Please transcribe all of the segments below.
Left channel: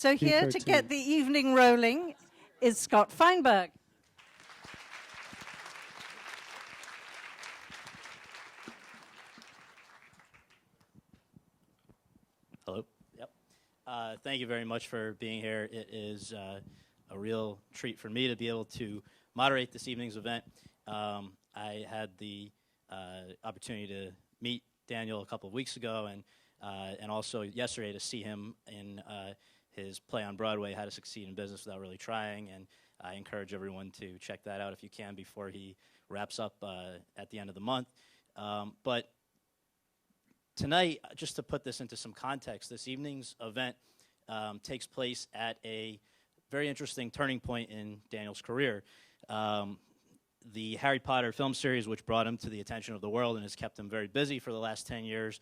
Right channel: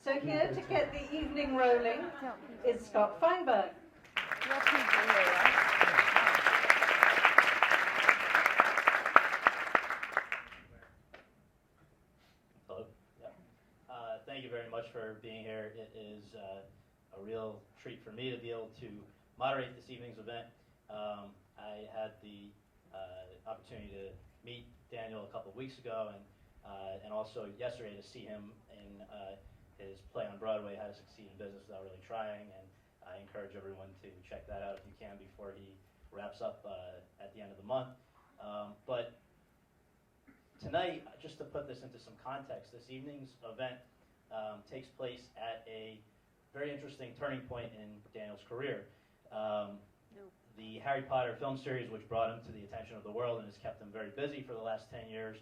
So here to get the evening rolling is Scott Feinberg. Hello. Yep. Thank you very much for being here. It is a real treat for me to be able to moderate this evening's event. I had the opportunity to meet Daniel a couple of weeks ago, and also yesterday to see him in his play on Broadway, How to Succeed in Business Without Really Trying, and I encourage everyone to check that out if you can before he wraps up at the end of the month. But tonight, just to put this into some context, this evening's event takes place at a very interesting turning point in Daniel's career. The Harry Potter film series, which brought him to the attention of the world and has kept him very busy for the last 10 years,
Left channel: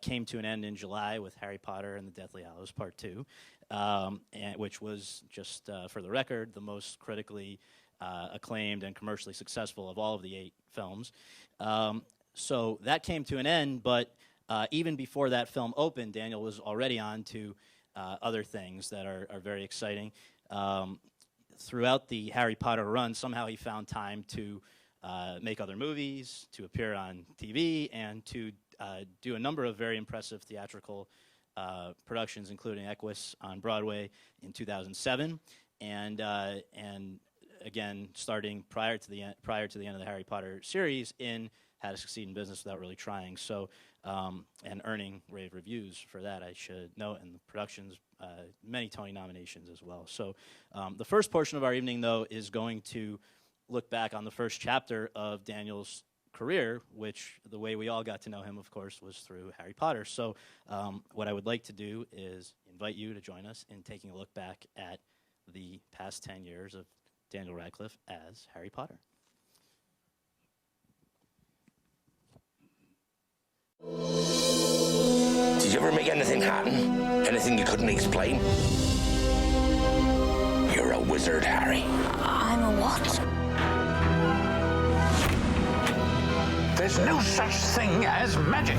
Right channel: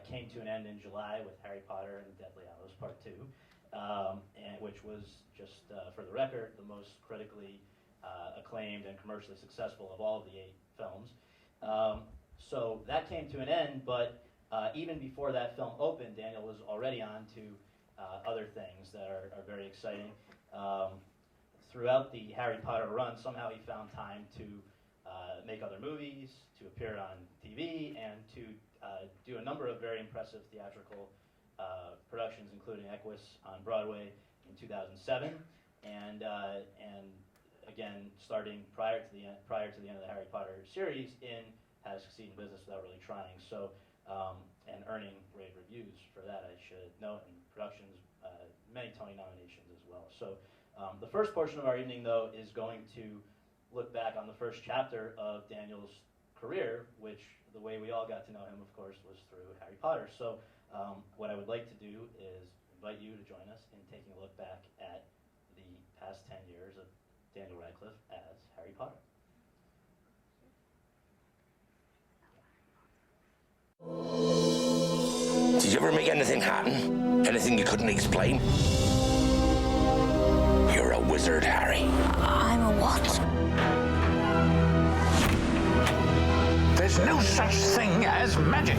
came to an end in July with Harry Potter and the Deathly Hallows Part 2, and which was, just for the record, the most critically acclaimed and commercially successful of all of the 8 films. So that came to an end, but even before that film opened, Daniel was already on to other things that are very exciting. Throughout the Harry Potter run, somehow he found time to make other movies, to appear on TV, and to do a number of very impressive theatrical productions, including Equus on Broadway in 2007, and again, starting prior to the end of the Harry Potter series in How to Succeed in Business Without Really Trying. So, and earning rave reviews for that, I should note, and productions, many Tony nominations as well. So the first portion of our evening, though, is going to look back on the first chapter of Daniel's career, which the way we all got to know him, of course, was through Harry Potter. So what I would like to do is invite you to join us in taking a look back at the past 10 years of Daniel Radcliffe as Harry Potter. Did you ever make anything happen? Anything you couldn't explain? You're a wizard, Harry. I'm a what? There's no such thing as magic.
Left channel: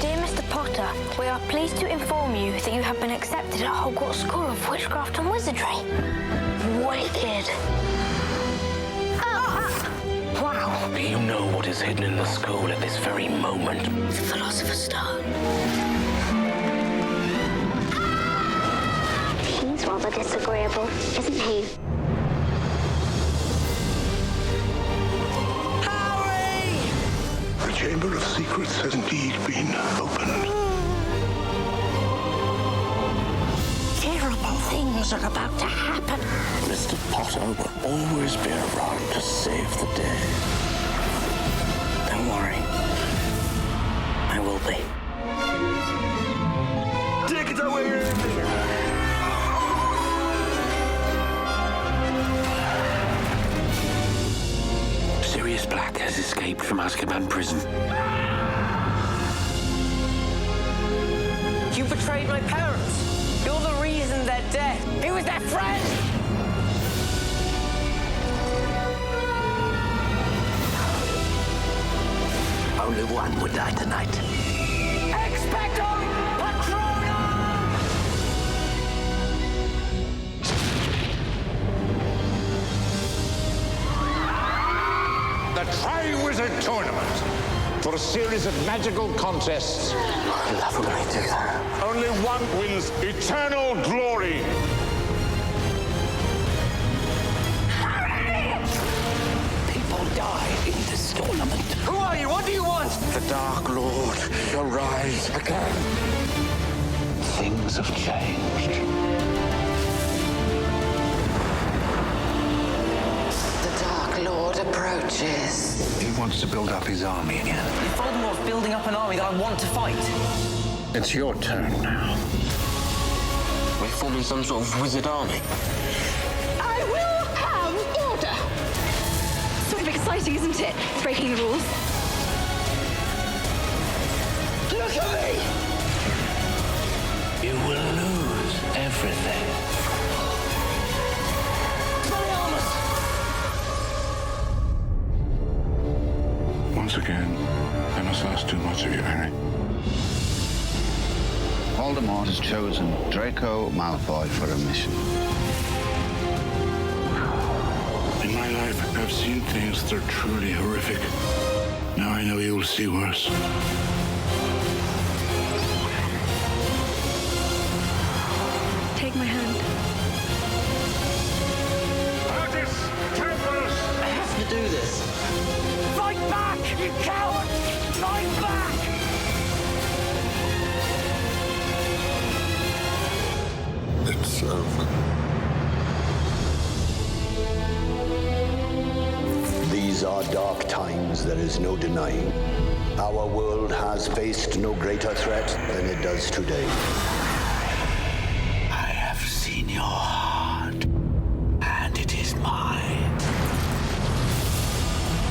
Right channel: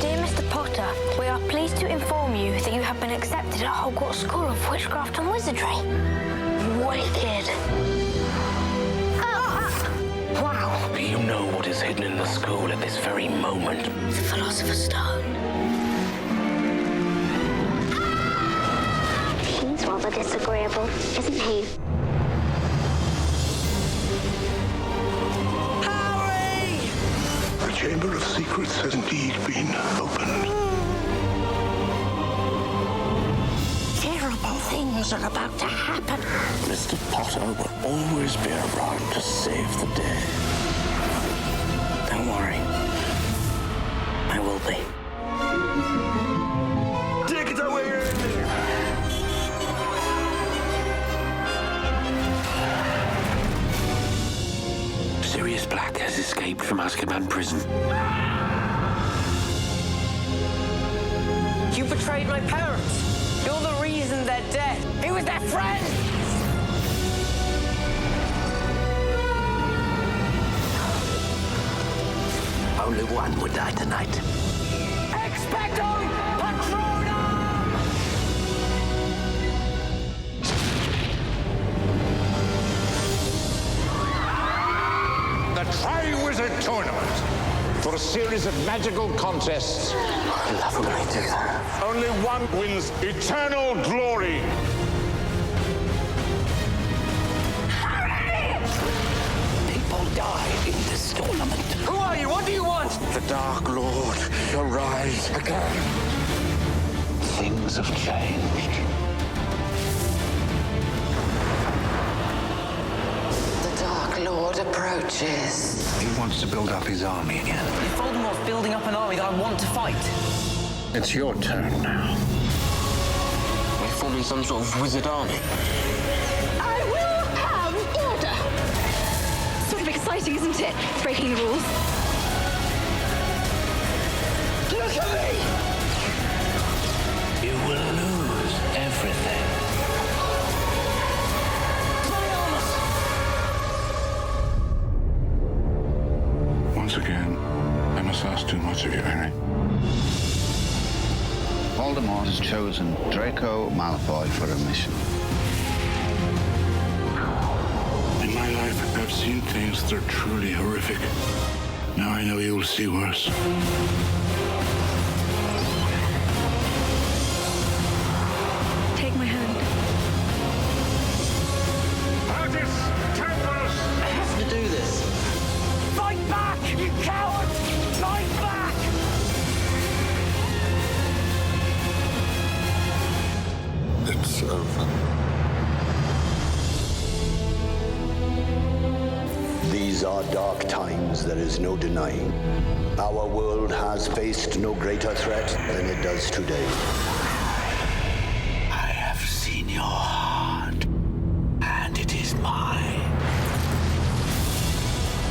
Dear Mr. Potter, we are pleased to inform you that you have been accepted at Hogwarts School of Witchcraft and Wizardry. Wicked. Wow. Do you know what is hidden in the school at this very moment? The Philosopher's Stone. He's rather disagreeable, isn't he? Harry! The Chamber of Secrets has indeed been opened. Terrible things are about to happen. Mr. Potter will always be around to save the day. Don't worry. I will be. Take it away! Sirius Black has escaped from Azkaban prison. You betrayed my parents. You're the reason they're dead. He was their friend! Only one would die tonight. Expecto Patronum! The Tri-Wizard Tournament for a series of magical contests. I love when I do that. Only one wins eternal glory. People die in this tournament. Who are you? What do you want? The Dark Lord shall rise again. Things have changed. The Dark Lord approaches. He wants to build up his army again. If Voldemort's building up an army that I want to fight. It's your turn now. We're forming some sort of wizard army. I will have order! Sort of exciting, isn't it? Breaking the rules. Look at me! You will lose everything. Once again, I must ask too much of you, Harry. Voldemort has chosen Draco Malfoy for a mission. In my life, I've seen things that are truly horrific. Now I know you will see worse. Take my hand. I have to do this. Fight back, you coward! Fight back! It's over. These are dark times, there is no denying. Our world has faced no greater threat than it does today. I have seen your heart, and it is mine.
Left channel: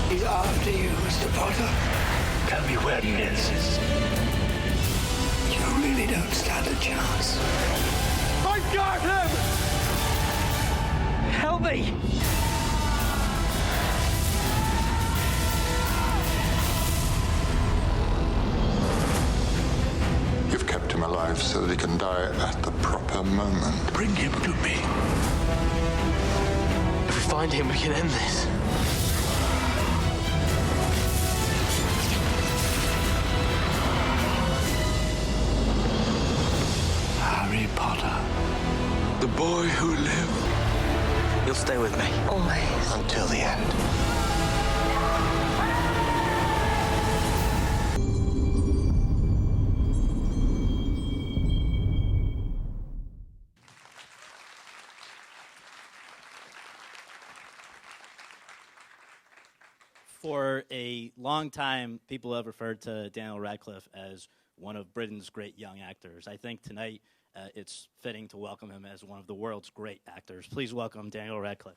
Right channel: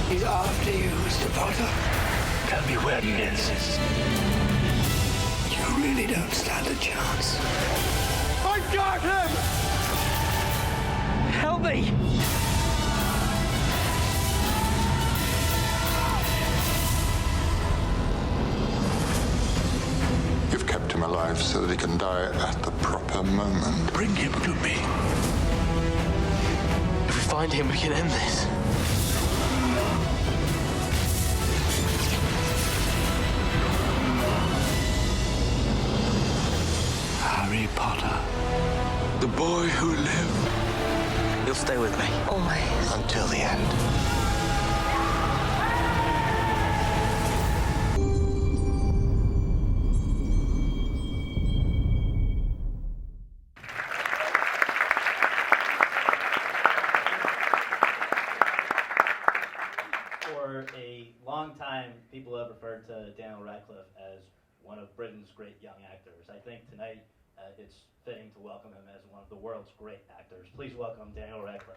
He's after you, Mr. Potter. Tell me where he is. You really don't stand a chance. I've got him! Help me! You've kept him alive so that he can die at the proper moment. Bring him to me. If we find him, we can end this. Harry Potter. The boy who lived You'll stay with me. Always. Until the end. For a long time, people have referred to Daniel Radcliffe as one of Britain's great young actors. I think tonight it's fitting to welcome him as one of the world's great actors. Please welcome Daniel Radcliffe.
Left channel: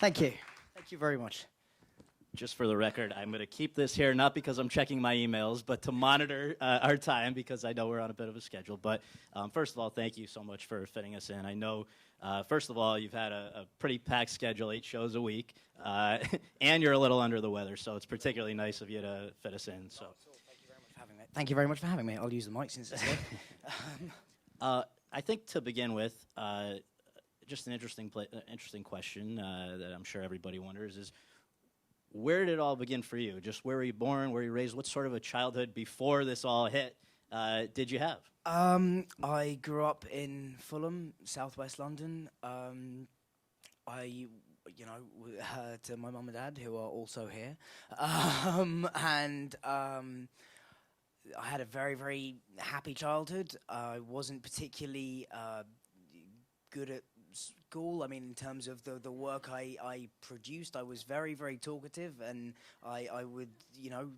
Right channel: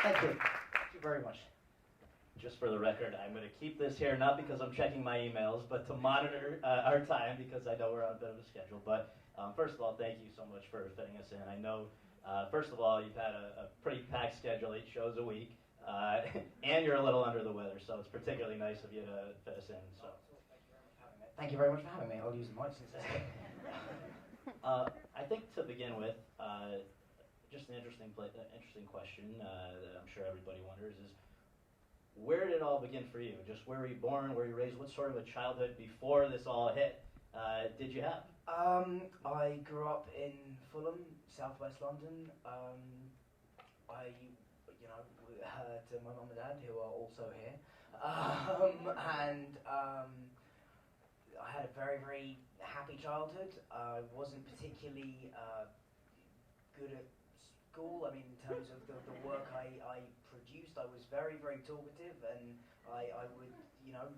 Thank you. Thank you very much. Just for the record, I'm going to keep this here, not because I'm checking my emails, but to monitor our time, because I know we're on a bit of a schedule. But first of all, thank you so much for fitting us in. I know, first of all, you've had a pretty packed schedule, 8 shows a week, and you're a little under the weather, so it's particularly nice of you to fit us in. So, Thank you very much for having me. I'll use the mic since it's here. I think to begin with, just an interesting question that I'm sure everybody wonders is, where did it all begin for you? Just where were you born? Where were you raised? What sort of a childhood before this all hit did you have? I grew up in Fulham, southwest London. I, to my mum and dad, who are also here, and I had a very, very happy childhood. I wasn't particularly good at school. I mean, in terms of the work I produced, I was very, very talkative, and I would,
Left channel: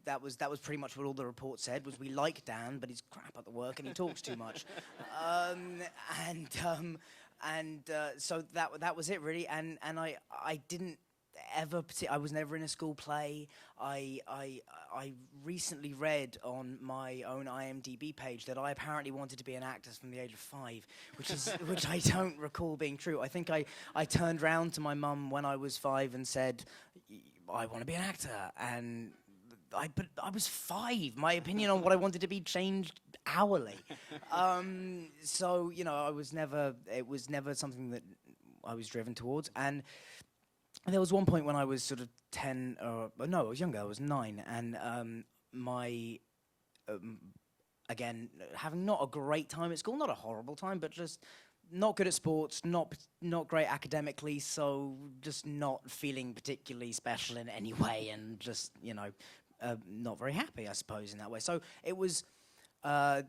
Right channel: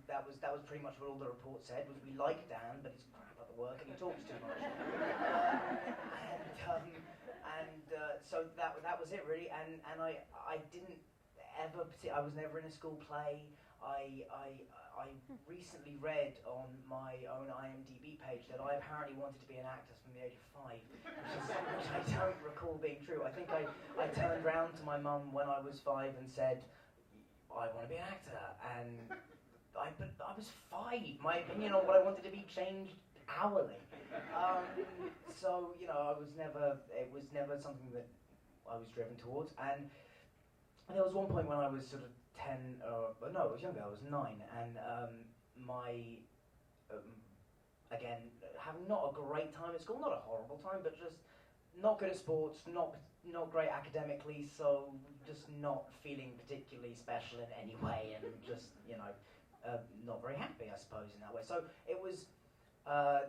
that was pretty much what all the reports said, was we like Dan, but he's crap at the work and he talks too much. So that was it really, and I didn't ever, I was never in a school play. I recently read on my own IMDb page that I apparently wanted to be an actor from the age of 5, which I don't recall being true. I think I turned round to my mum when I was 5 and said, I want to be an actor, and but I was 5. My opinion on what I wanted to be changed hourly. So it was never something that I was driven towards, and there was one point when I was sort of 10, no, I was younger, I was 9, and again, having not a great time at school, not a horrible time, but just not good at sports, not great academically, so just not feeling particularly special in any way, and just, not very happy, I suppose, in that way. So it was a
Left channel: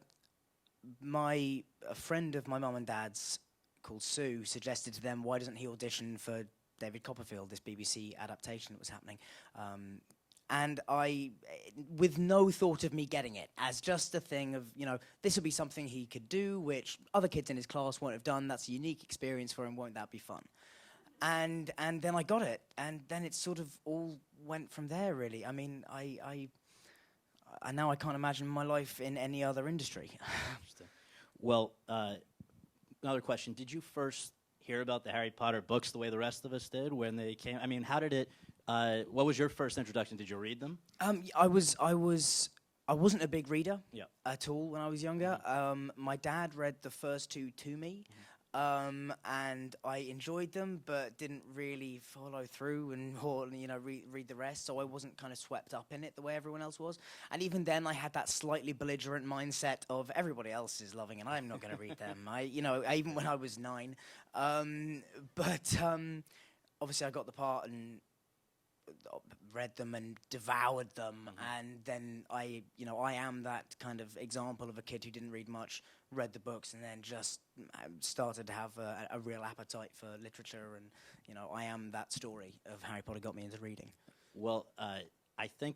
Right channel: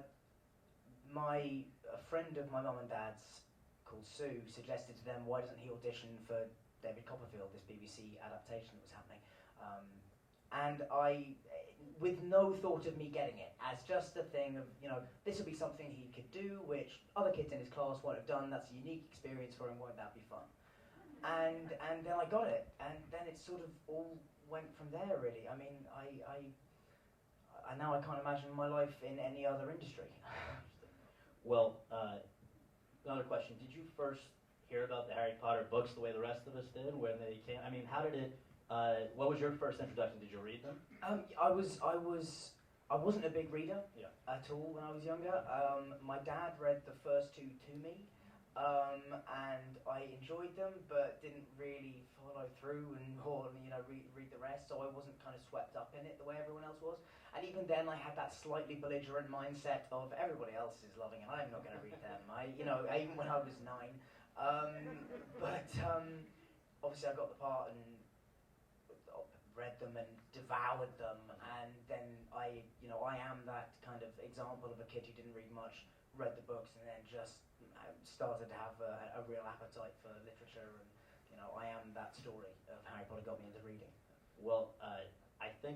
friend of my mum and dad's, called Sue, suggested to them, why doesn't he audition for David Copperfield, this BBC adaptation that was happening. And I, with no thought of me getting it, as just a thing of, this would be something he could do, which other kids in his class won't have done. That's a unique experience for him. Won't that be fun? And then I got it, and then it sort of all went from there, really. I mean, and now I can't imagine my life in any other industry. Well, another question. Did you first hear about the Harry Potter books the way the rest of us did when they came? I mean, how did it, what was your first introduction? Did you read them? I wasn't a big reader Yeah. at all when I was younger. My dad read the first two to me, and I enjoyed them, but didn't really follow through or read the rest. So I wasn't kind of swept up in it the way everyone else was. And even then, I had that slightly belligerent mindset of everybody else is loving it, I'm not going to read them. Even when I was 9, but obviously I got the part and read them and devoured them, and then I am that kind of example of a kid who didn't read much, read the books, and then just started to have a real appetite for literature, and I am that story of Harry Potter got me into reading. Well, I think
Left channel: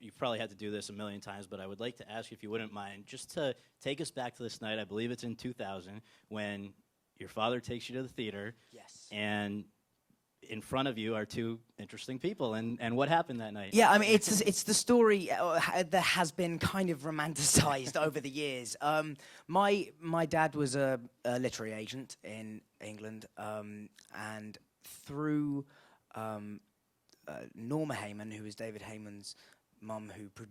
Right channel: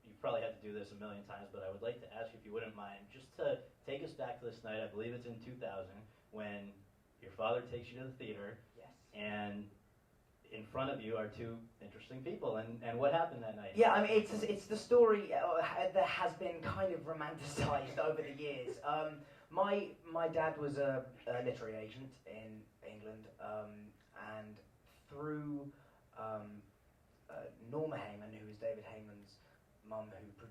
you've probably had to do this a million times, but I would like to ask you if you wouldn't mind just to take us back to this night. I believe it's in 2000 when your father takes you to the theater. Yes. And in front of you are two interesting people, and what happened that night? Yeah, I mean, it's the story that has been kind of romanticized over the years. My dad was a literary agent in England, and through Norma Heyman, who was David Heyman's mum, who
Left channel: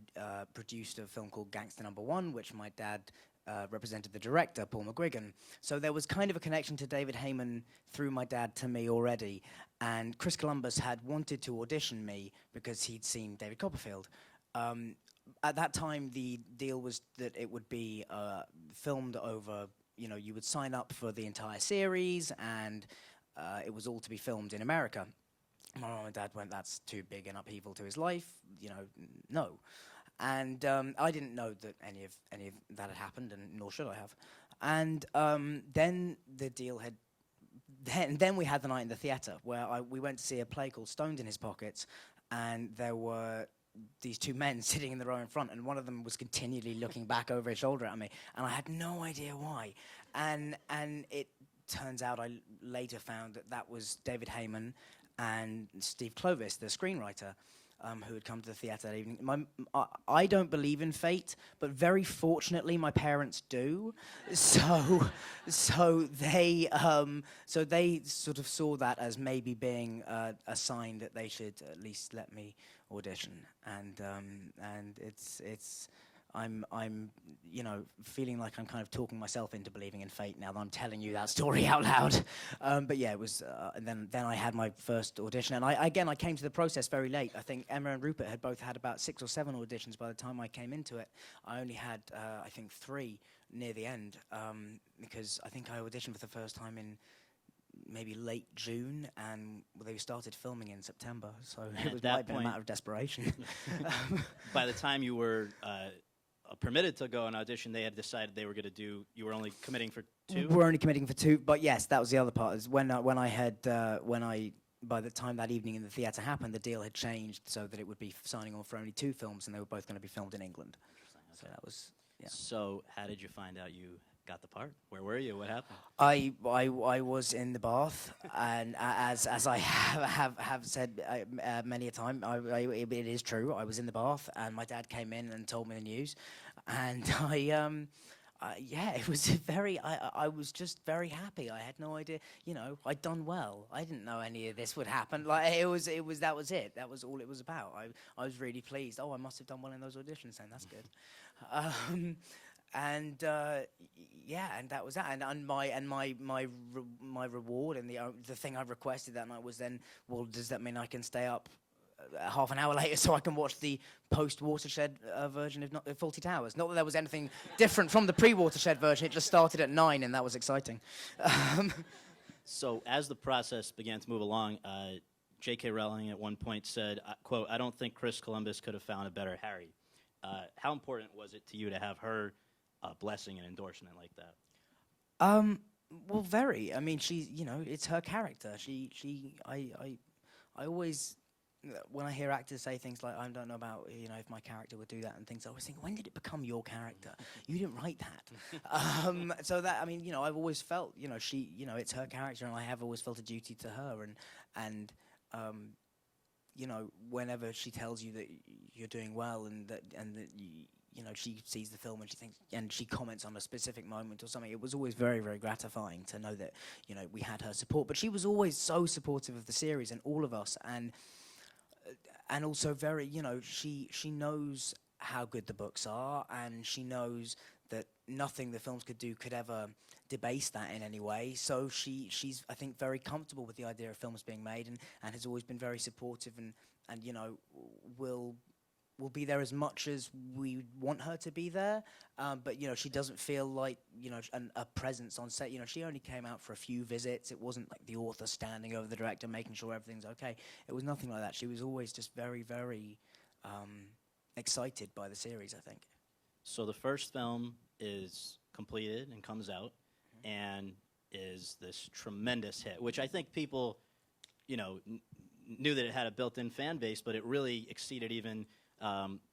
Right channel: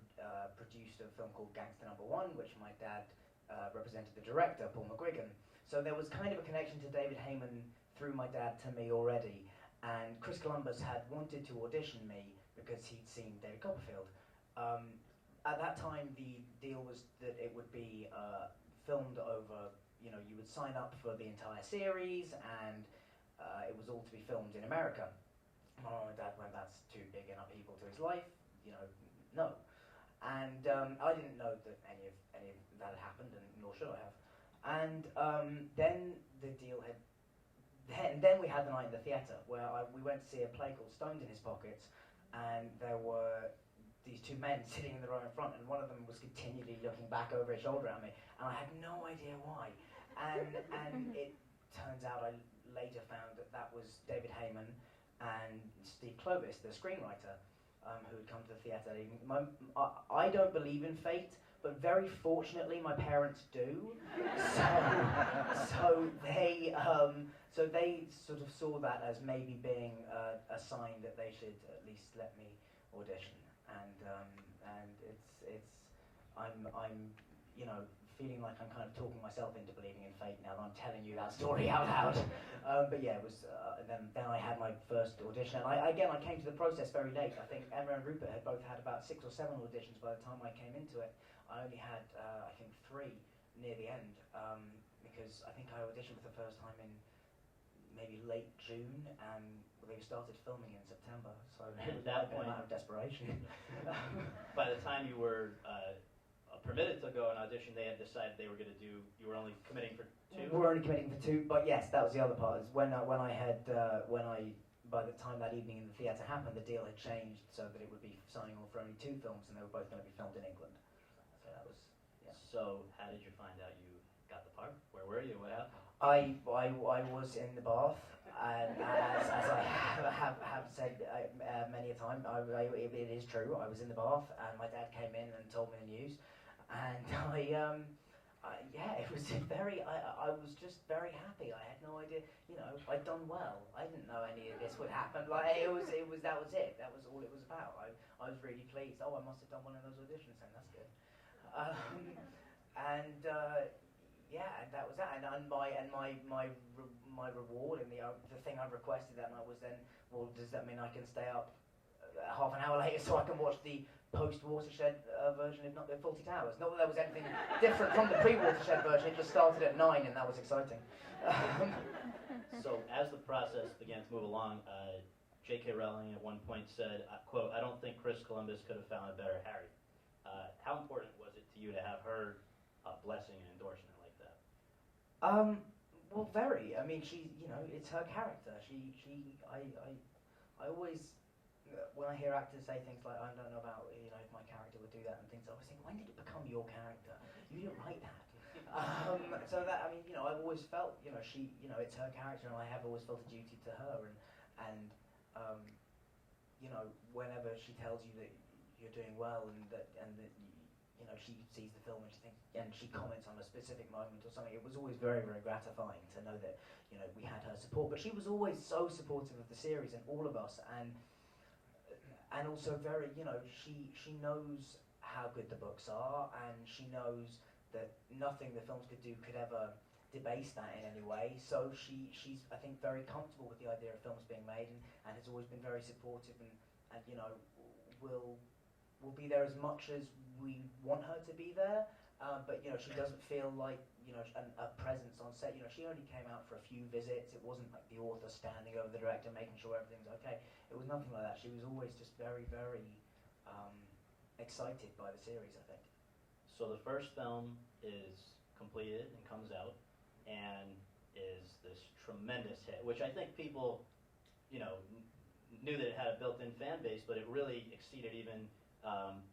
produced a film called Gangster No. 1, which my dad represented the director, Paul McGuigan. So there was kind of a connection to David Heyman through my dad to me already. And Chris Columbus had wanted to audition me because he'd seen David Copperfield. At that time, the deal was that it would be filmed over, you would sign up for the entire series, and it was all to be filmed in America. My mum and dad went, that's too big an upheaval to his life, no. And I didn't know that any of that had happened, and nor should I have. And then the deal had. Then we had the night in the theatre where we went to see a play called Stoned in His Pockets, and there were these two men sitting in the row in front, and one of them was continually looking back over his shoulder at me, and I had no idea why. And it turns out I later found that was David Heyman and Steve Clovis, the screenwriter, who had come to the theatre that evening. I don't believe in fate, but very fortunately my parents do. So they sort of saw that as maybe being a sign that they should at least let me audition. And I'm feeling like I'm kind of talking myself into believing in fate now that I'm telling you that story out loud. But yeah, it was, and then I had my first audition, and I came to the process very late. I think Emma and Rupert had both had about 6 or 7 auditions by the time I came into it. I only had, I think, 3 near the end, because I think I auditioned for the first time in maybe late June, and they started filming in September, so it was might have been a matter of desperation. By the time you were permitted to go and audition, they had decided they were going to do, you were only committing for 2? We're only committing for 2, but yes, that was the other part. Is when by the time that evening in the theatre happened, the deal had changed so that it would be signing on for only 2 films, and they were both going to be filmed in England. So that was, yeah. So how did you find out you got the part? Where were you? What happened? I was in the bath, and as I have said many a time, it is true. I was in the bath, and my dad came in and told me the news, and it was I was just very happy. I had no idea, I'd done well. I didn't know any of this would happen. Like that was it. That was all it was about. I was really pleased. Oh, I must have done well in those auditions, and that's good. And that was that. And my reward and the thing I requested that night was then, well, does that mean I can stay up half an hour later so I can watch the post-Watershed version of Fawlty Towers? Not that there was anything different from the pre-Watershed version. It just started at 9, and that was exciting. So as the process began to move along, J.K. Rowling at one point said, quote, "I don't think Chris Columbus could have found a better Harry." How important was it to you to have her blessing and endorsement like that? Well, very. I mean, she's, it's her character. I always, when I hear actors say things like, I don't know about, if my character would do that and things, I always think, when did it become your character? You didn't write that. So that, I mean, I've always felt, she, it's her character, and I have always felt a duty to her, and whenever she tells you that you're doing well, and that you know, she sees the film and she thinks, and she comments on a specific moment or something. It was always very, very gratifying to know that, you know, we had her support. But she was always so supportive of the series and all of us, and also very, you know, she knows how good the books are, and she knows that nothing the films could do could ever debase that in any way. So she's I think very comfortable with the idea of films being made, and has always been very supportive, and you know, will be there as much as we want her to be there, but you know, she doesn't feel like, you know, a presence on set. You know, she only came out for a few visits. It wasn't like the author standing over the director making sure everything's okay. It was nothing like that. She was always just very, very excited by the series, I think. So the first film is completed and comes out and is this tremendous hit, which I think people, you know, knew that it had a built-in fan base, but it really exceeded even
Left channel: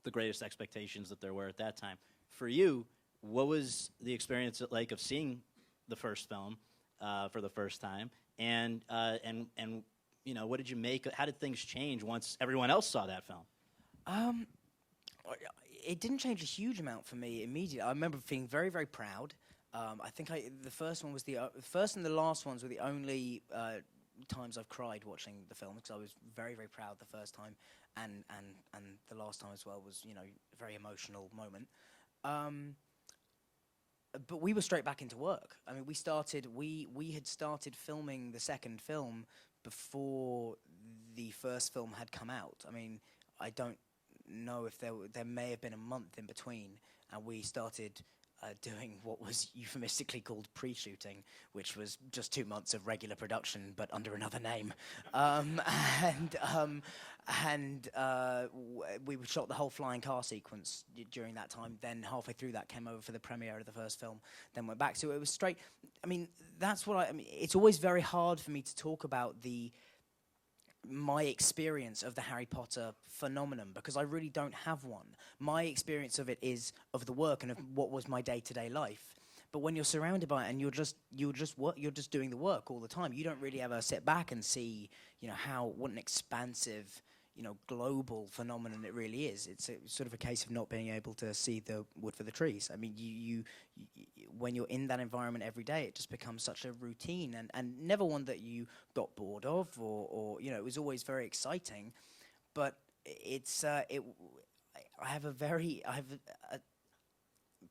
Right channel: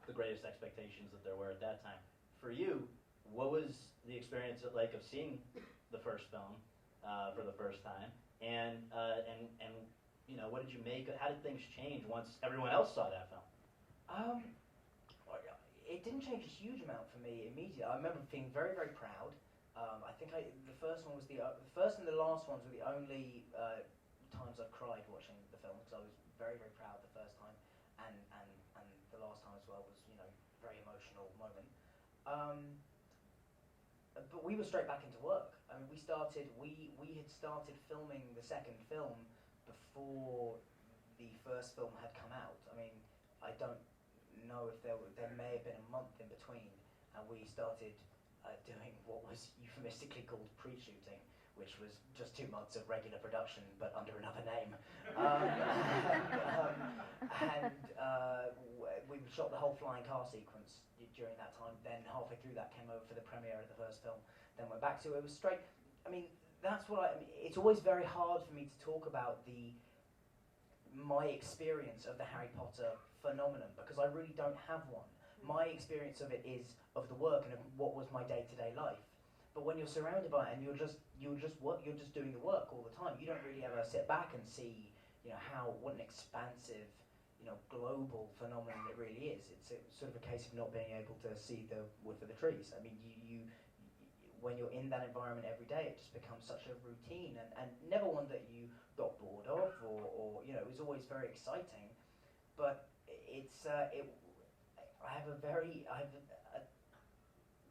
the greatest expectations that there were at that time. For you, what was the experience like of seeing the first film for the first time, and you know, what did you make? How did things change once everyone else saw that film? It didn't change a huge amount for me immediately. I remember feeling very, very proud. I think the first one was the first and the last ones were the only times I've cried watching the film, because I was very, very proud the first time, and the last time as well was, you know, a very emotional moment. But we were straight back into work. I mean, we had started filming the second film before the first film had come out. I mean, I don't know if there may have been a month in between, and we started doing what was euphemistically called pre-shooting, which was just 2 months of regular production but under another name. We shot the whole flying car sequence during that time. Then halfway through that came over for the premiere of the first film. Then went back to it. It was straight. I mean, that's what I mean. It's always very hard for me to talk about my experience of the Harry Potter phenomenon, because I really don't have one. My experience of it is of the work and of what was my day-to-day life. But when you're surrounded by it and you're just doing the work all the time, you don't really ever sit back and see, you know, what an expansive, you know, global phenomenon it really is. It's sort of a case of not being able to see the wood for the trees. I mean, you when you're in that environment every day, it just becomes such a routine, and never one that you got bored of, or you know, it was always very exciting. But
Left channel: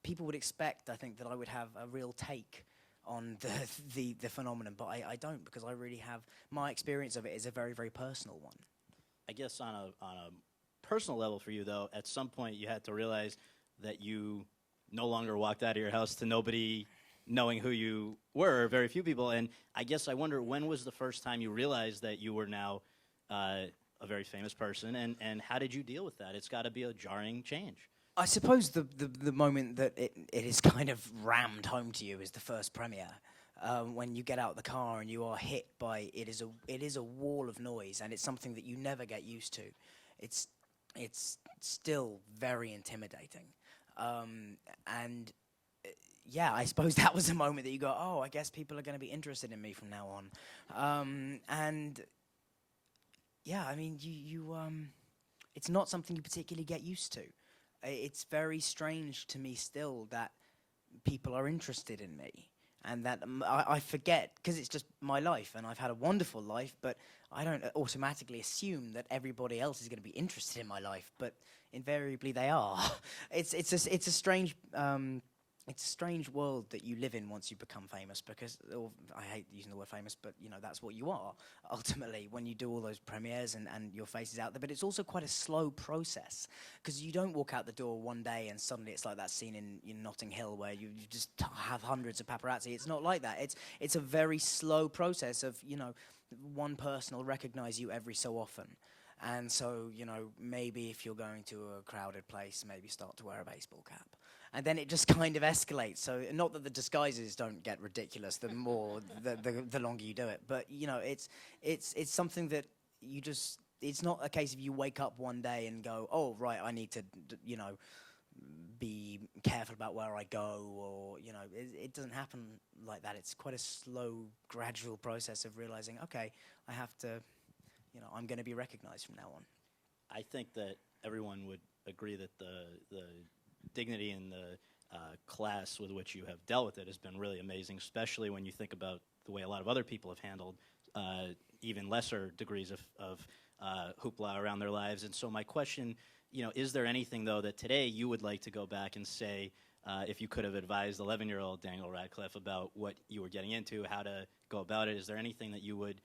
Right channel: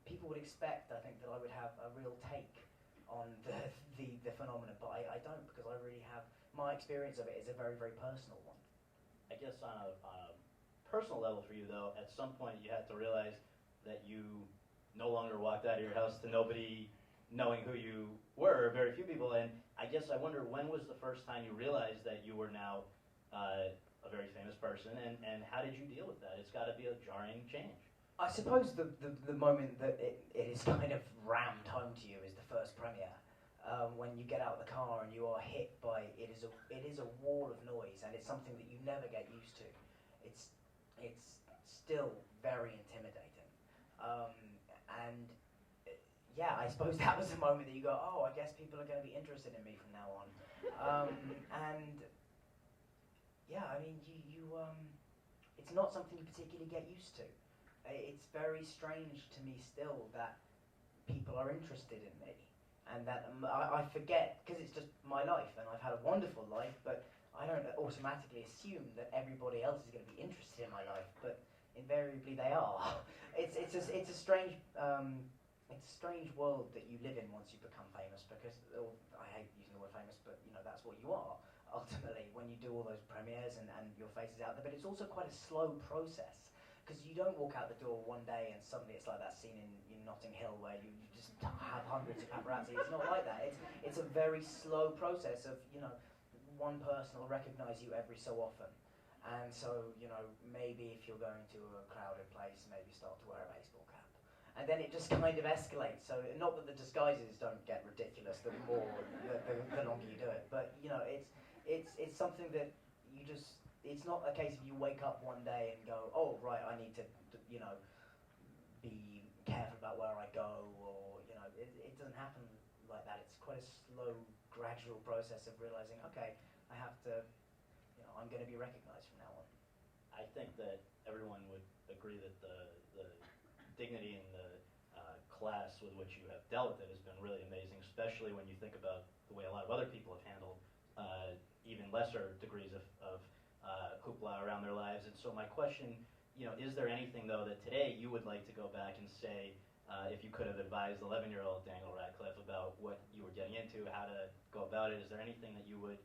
people would expect, I think, that I would have a real take on the phenomenon, but I don't, because I really have, my experience of it is a very, very personal one. I guess on a personal level for you, though, at some point you had to realize that you no longer walked out of your house to nobody knowing who you were, very few people, and I guess I wonder, when was the first time you realized that you were now a very famous person, and how did you deal with that? It's got to be a jarring change. I suppose the moment that it is kind of rammed home to you is the first premiere. When you get out of the car and you are hit by it is a wall of noise, and it's something that you never get used to. It's still very intimidating, and yeah, I suppose that was a moment that you go, oh, I guess people are going to be interested in me from now on, and yeah, I mean, you it's not something you particularly get used to. It's very strange to me still that people are interested in me, and that I forget, because it's just my life, and I've had a wonderful life, but I don't automatically assume that everybody else is going to be interested in my life, but invariably they are. It's a strange world that you live in once you become famous, because, or I hate using the word famous, but you know, that's what you are ultimately when you do all those premieres and your face is out there. But it's also quite a slow process, because you don't walk out the door one day and suddenly it's like that scene in Notting Hill where you just have hundreds of paparazzi. It's not like that. It's a very slow process of, you know, one person will recognize you every so often. And so, you know, maybe if you're going to a crowded place, maybe start to wear a baseball cap. And then it just kind of escalates. So not that the disguises don't get ridiculous the longer you do it, but you know, it's something that you just, it's not a case of you wake up one day and go, oh right, I need to, you know, be careful about where I go, or you know, it doesn't happen like that. It's quite a slow, gradual process of realizing, okay, I have to, you know, I'm going to be recognized from now on. I think that everyone would agree that the dignity and the class with which you have dealt with it has been really amazing, especially when you think about the way a lot of other people have handled even lesser degrees of hoopla around their lives. And so my question, is there anything, though, that today you would like to go back and say, if you could have advised 11-year-old Daniel Radcliffe about what you were getting into, how to go about it, is there anything that you would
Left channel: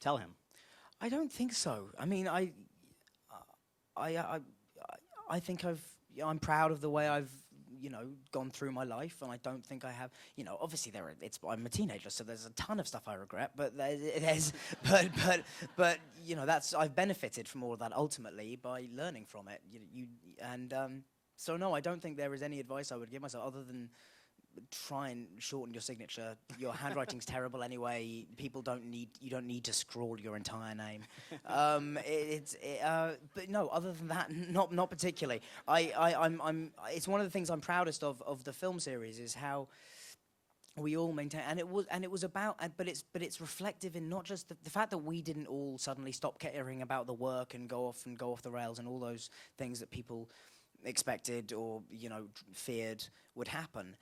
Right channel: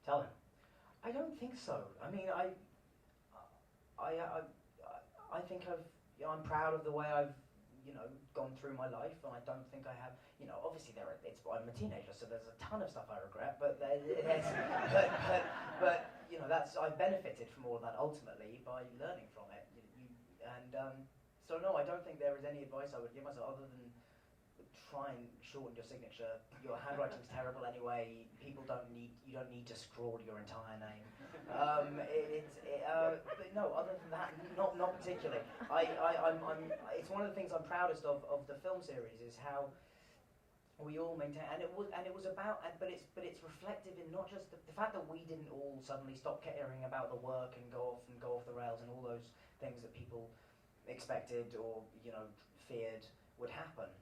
tell him? I don't think so. I mean, I think I'm proud of the way I've gone through my life, and I don't think I have. Obviously I'm a teenager, so there's a ton of stuff I regret. But that's I've benefited from all of that ultimately by learning from it. So no, I don't think there is any advice I would give myself other than try and shorten your signature. Your handwriting's terrible anyway. You don't need to scrawl your entire name. But no, other than that, not particularly. It's one of the things I'm proudest of the film series is how we all maintain, and it was about, but it's reflective in not just the fact that we didn't all suddenly stop caring about the work and go off the rails and all those things that people expected or feared would happen.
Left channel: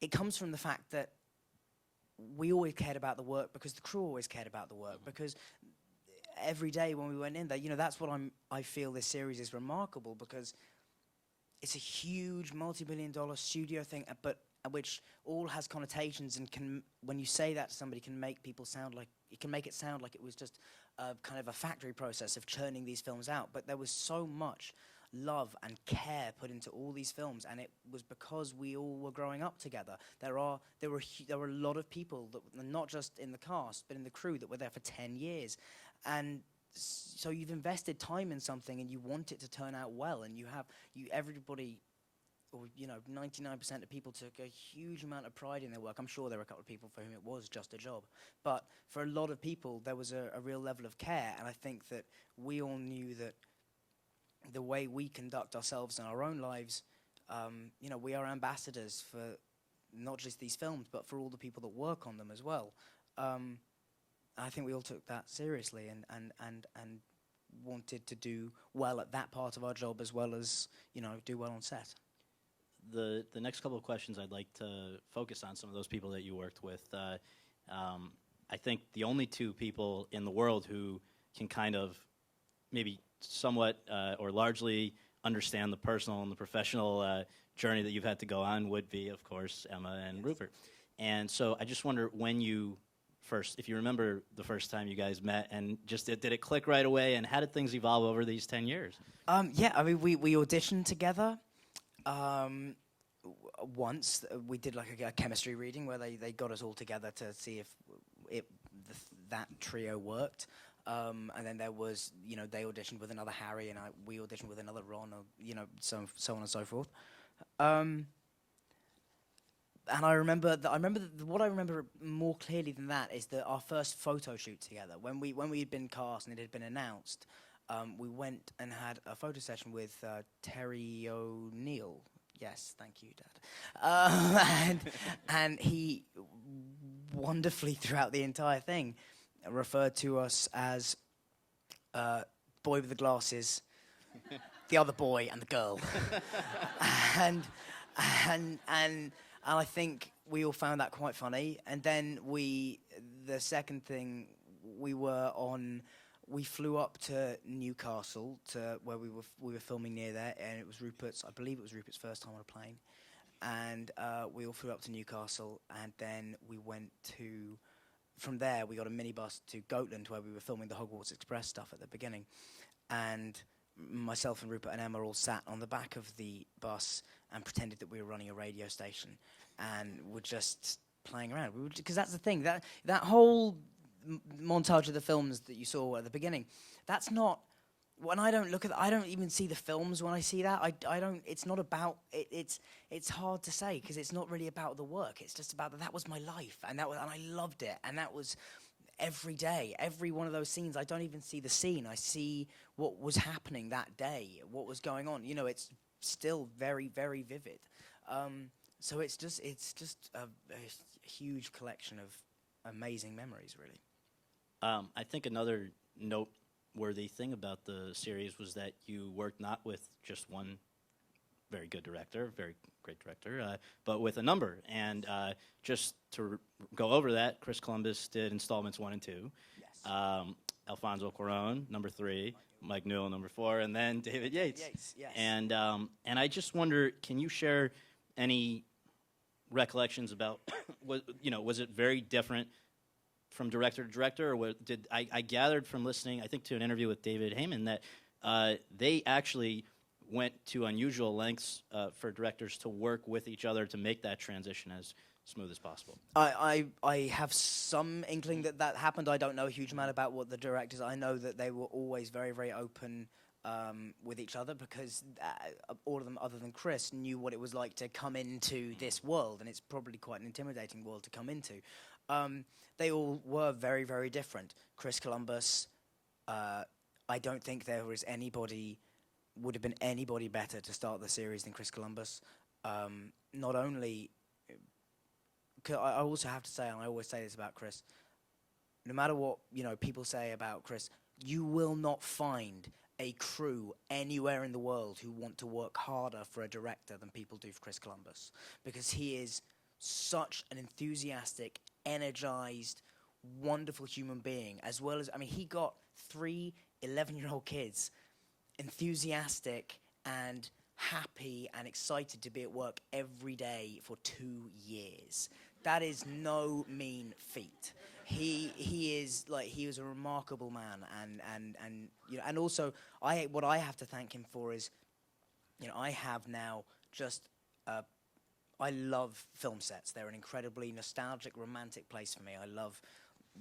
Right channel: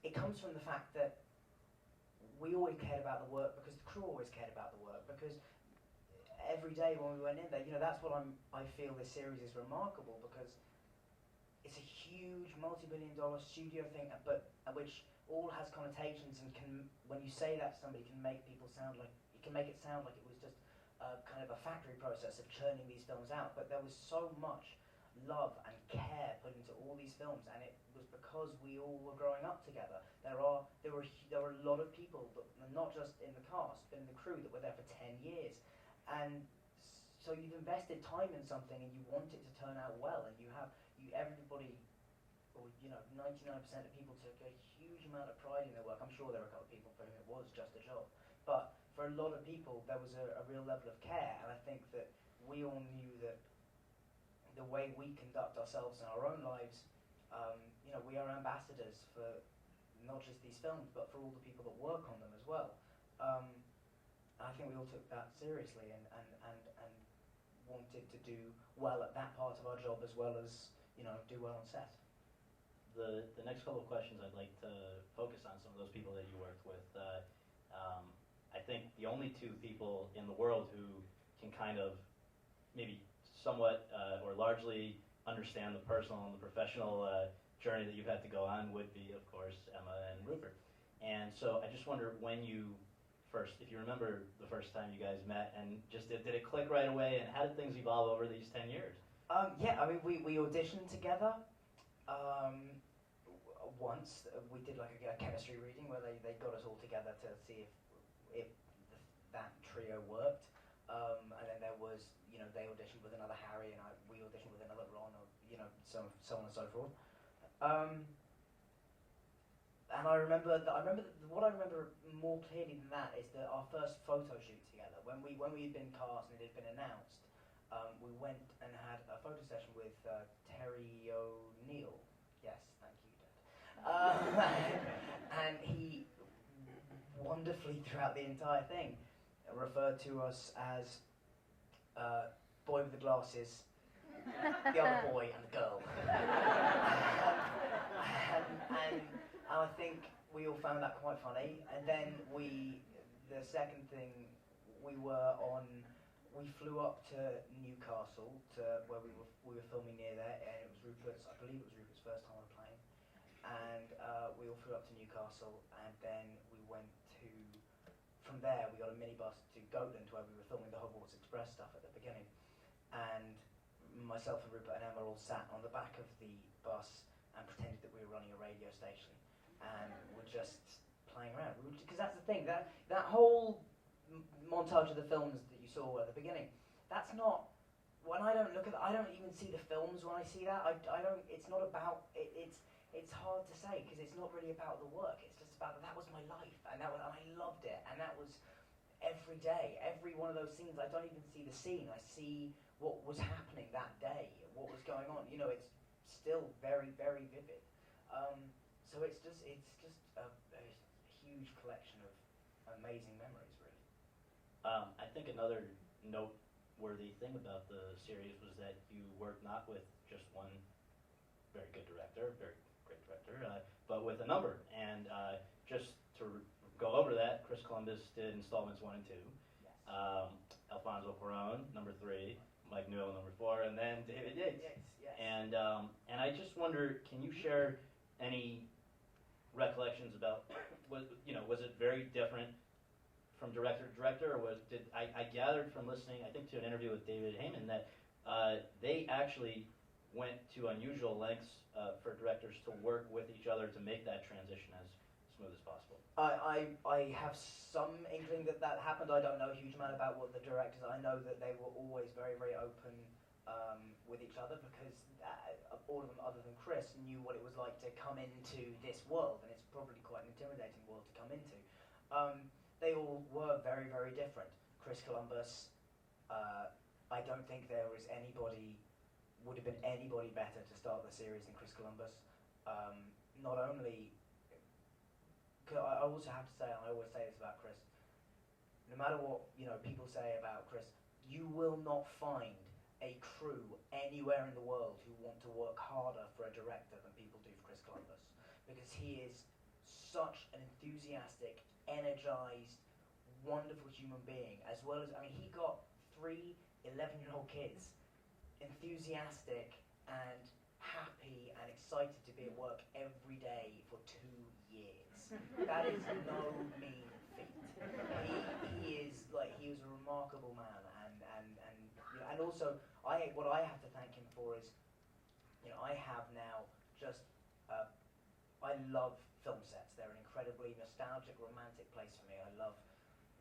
It comes from the fact that we always cared about the work because the crew always cared about the work, because every day when we went in there, that's what I feel this series is remarkable, because it's a huge multi-million-dollar studio thing, but which all has connotations and can, when you say that to somebody, can make it sound like it was just a kind of a factory process of churning these films out. But there was so much love and care put into all these films, and it was because we all were growing up together. There were a lot of people that, not just in the cast but in the crew, that were there for 10 years, and so you've invested time in something and you want it to turn out well, and everybody, or 99% of people took a huge amount of pride in their work. I'm sure there were a couple of people for whom it was just a job, but for a lot of people there was a real level of care, and I think that we all knew that the way we conduct ourselves in our own lives, we are ambassadors for not just these films, but for all the people that work on them as well. I think we all took that seriously and wanted to do well at that part of our job as well as do well on set. The next couple of questions, I'd like to focus on some of those people that you worked with. I think the only two people in the world who can kind of maybe somewhat or largely understand the personal and the professional journey that you've had to go on would be, of course, Emma and Rupert. And so I just wonder if you remember the first time you guys met, and just did it click right away, and how did things evolve over these 10 years? Yeah, I mean, we auditioned together. Once we did like a chemistry reading where they got us all together to see if that trio worked. And then there was, they auditioned with another Harry, and we auditioned with another Ron, or, so on and so forth. And what I remember more clearly than that is that our first photo shoot together, when we had been cast and it had been announced, we went and had a photo session with Terry O'Neill. Yes, thank you, Dad. And he wonderfully, throughout the entire thing, referred to us as boy with the glasses, the other boy, and the girl. and I think we all found that quite funny. And then the second thing, we flew up to Newcastle to where we were filming near there, and I believe it was Rupert's first time on a plane. And we all flew up to Newcastle, and then from there, we got a minibus to Goatland, where we were filming the Hogwarts Express stuff at the beginning. And myself and Rupert and Emma all sat on the back of the bus and pretended that we were running a radio station, and were just playing around. Because that's the thing, that whole montage of the films that you saw at the beginning, that's not... When I don't even see the films when I see that. It's not about... It's hard to say, because it's not really about the work. It's just about that was my life, and I loved it, and that was every day, every one of those scenes. I don't even see the scene. I see what was happening that day, what was going on. It's still very, very vivid. So it's just a huge collection of amazing memories, really. I think another noteworthy thing about the series was that you worked not with just one very good director, very great director, but with a number. And just to go over that, Chris Columbus did installments 1 and 2. Yes. Alfonso Cuarón, number 3. Mike Newell, number 4, and then David Yates. Yes. And I just wonder, can you share any recollections about, was it very different from director to director, or I gathered from listening, I think, to an interview with David Heyman that they actually went to unusual lengths for directors to work with each other to make that transition as smooth as possible. I have some inkling that happened. I don't know a huge amount about what the directors. I know that they were always very, very open with each other, because all of them, other than Chris, knew what it was like to come into this world, and it's probably quite an intimidating world to come into. They all were very, very different. Chris Columbus, I don't think there would have been anybody better to start the series than Chris Columbus. Not only, I also have to say, and I always say this about Chris, no matter what people say about Chris, you will not find a crew anywhere in the world who want to work harder for a director than people do for Chris Columbus, because he is such an enthusiastic, energized, wonderful human being, as well as, he got 3 11-year-old kids enthusiastic and happy and excited to be at work every day for 2 years. That is no mean feat. He was a remarkable man, and also what I have to thank him for is, I have now just I love film sets. They're an incredibly nostalgic, romantic place for me. I love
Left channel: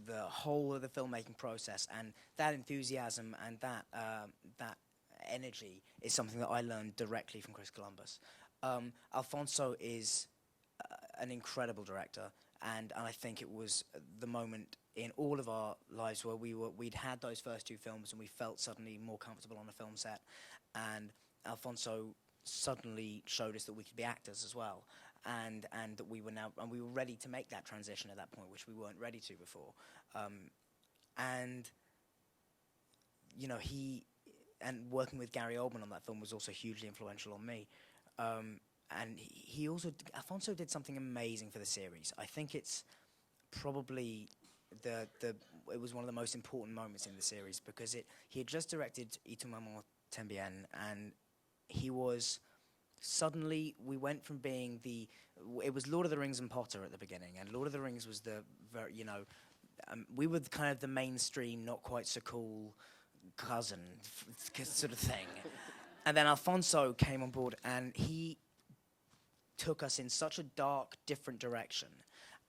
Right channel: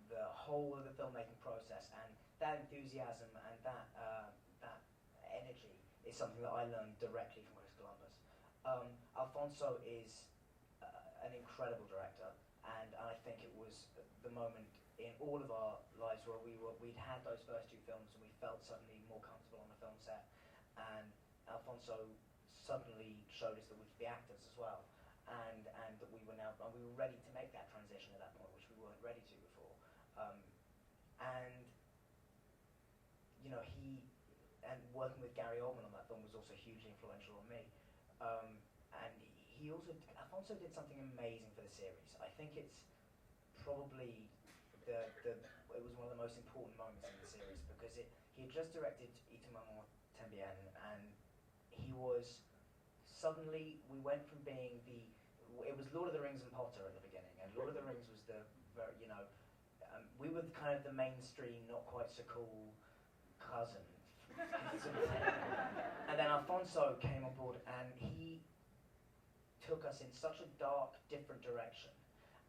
the whole of the filmmaking process, and that enthusiasm and that energy is something that I learned directly from Chris Columbus. Alfonso is an incredible director, and I think it was the moment in all of our lives where we'd had those first 2 films and we felt suddenly more comfortable on a film set, and Alfonso suddenly showed us that we could be actors as well, and that we were ready to make that transition at that point, which we weren't ready to before. And working with Gary Oldman on that film was also hugely influential on me. And Alfonso did something amazing for the series. I think it's probably it was one of the most important moments in the series, because he had just directed Y tu mamá también, and he was suddenly, we went from being it was Lord of the Rings and Potter at the beginning, and Lord of the Rings was we were kind of the mainstream, not quite so cool cousin sort of thing. And then Alfonso came on board, and he took us in such a dark, different direction.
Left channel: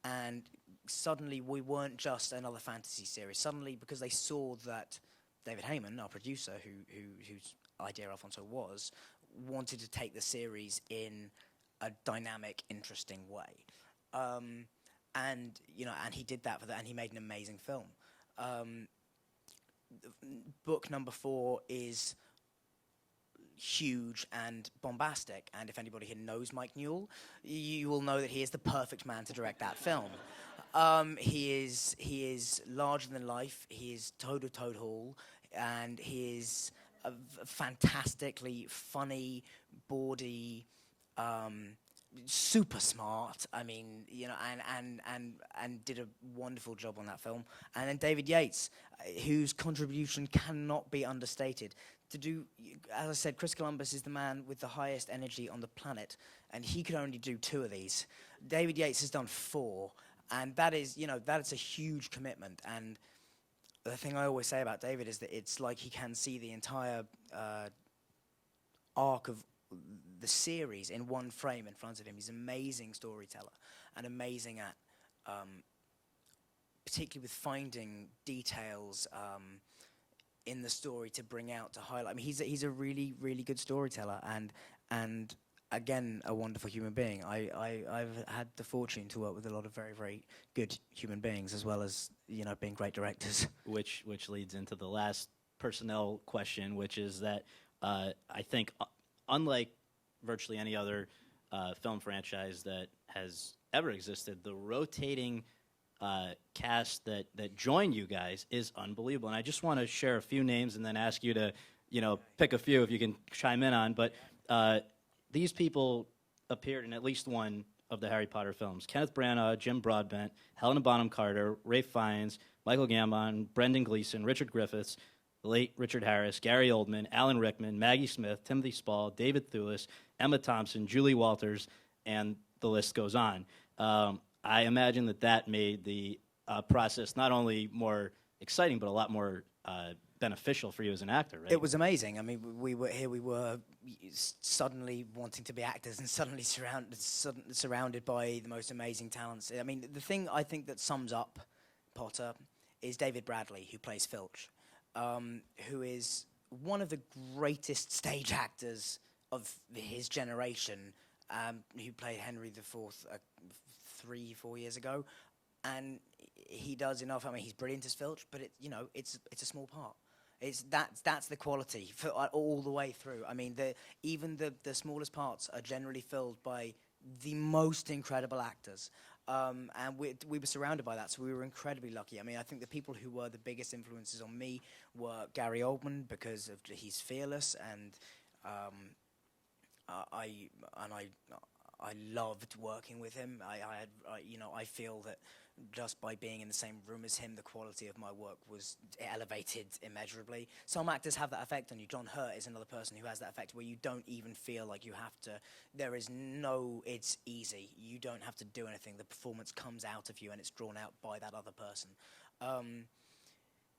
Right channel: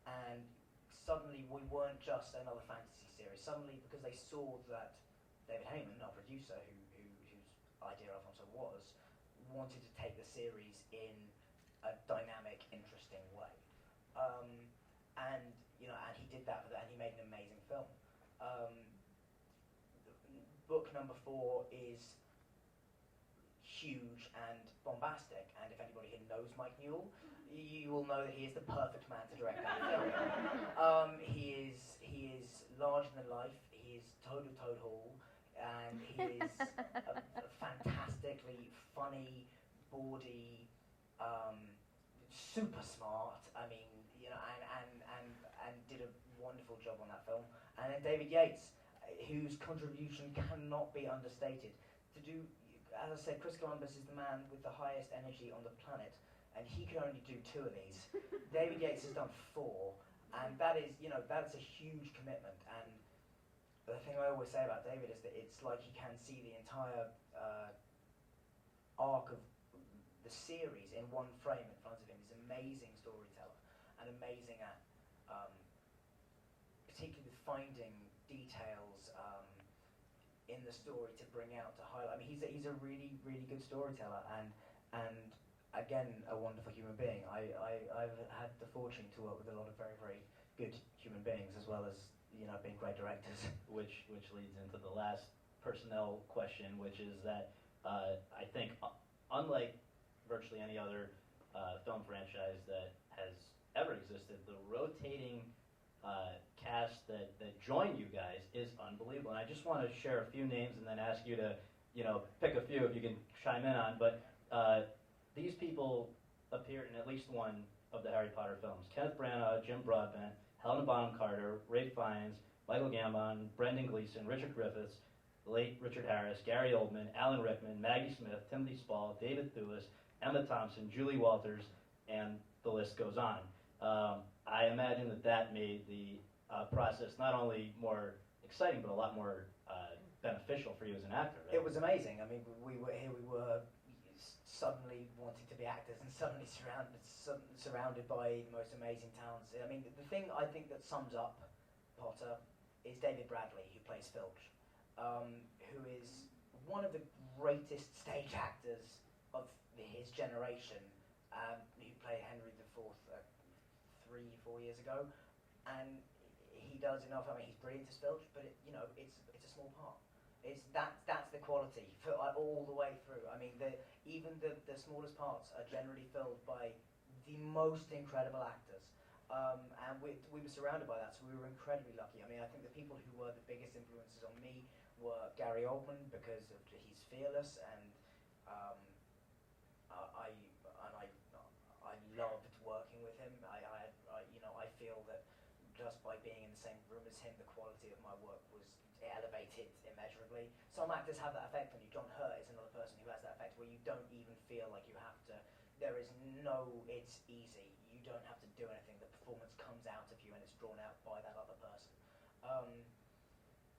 And suddenly we weren't just another fantasy series. Suddenly, because they saw that David Heyman, our producer, whose idea Alfonso was, wanted to take the series in a dynamic, interesting way. And he did that and he made an amazing film. Book number 4 is huge and bombastic, and if anybody here knows Mike Newell, you will know that he is the perfect man to direct that film. He is larger than life. He is Toad Hall, and he is fantastically funny, bawdy, super smart. And did a wonderful job on that film. And then David Yates, whose contribution cannot be understated. As I said, Chris Columbus is the man with the highest energy on the planet, and he could only do 2 of these. David Yates has done 4, and that is a huge commitment. And the thing I always say about David is that it's like he can see the entire arc of the series in one frame in front of him. He's an amazing storyteller and amazing at, particularly with finding details in the story to bring out, to highlight. He's a really, really good storyteller, and again, a wonderful human being. I've had the fortune to work with a lot of very, very good human beings, as well as being great directors. Which leads into the last personnel question, which is that I think unlike virtually any other film franchise that has ever existed, the rotating cast that joined you guys is unbelievable. And I just want to share a few names and then ask you to, pick a few if you can chime in on. But these people appeared in at least one of the Harry Potter films. Kenneth Branagh, Jim Broadbent, Helena Bonham Carter, Ralph Fiennes, Michael Gambon, Brendan Gleeson, Richard Griffiths, the late Richard Harris, Gary Oldman, Alan Rickman, Maggie Smith, Timothy Spall, David Thewlis, Emma Thompson, Julie Walters, and the list goes on. I imagine that made the process not only more exciting, but a lot more beneficial for you as an actor, right? It was amazing. I mean, we were suddenly wanting to be actors and suddenly surrounded by the most amazing talents. I mean, the thing I think that sums up Potter is David Bradley, who plays Filch, who is one of the greatest stage actors of his generation, who played Henry IV 3-4 years ago, and he does enough. I mean, he's brilliant as Filch, but it's a small part. That's the quality for all the way through. I mean, even the smallest parts are generally filled by the most incredible actors, and we were surrounded by that, so we were incredibly lucky. I mean, I think the people who were the biggest influences on me were Gary Oldman, because he's fearless, and I loved working with him. I feel that just by being in the same room as him, the quality of my work was elevated immeasurably. Some actors have that effect on you. John Hurt is another person who has that effect, where you don't even feel like you have to. It's easy. You don't have to do anything. The performance comes out of you, and it's drawn out by that other person.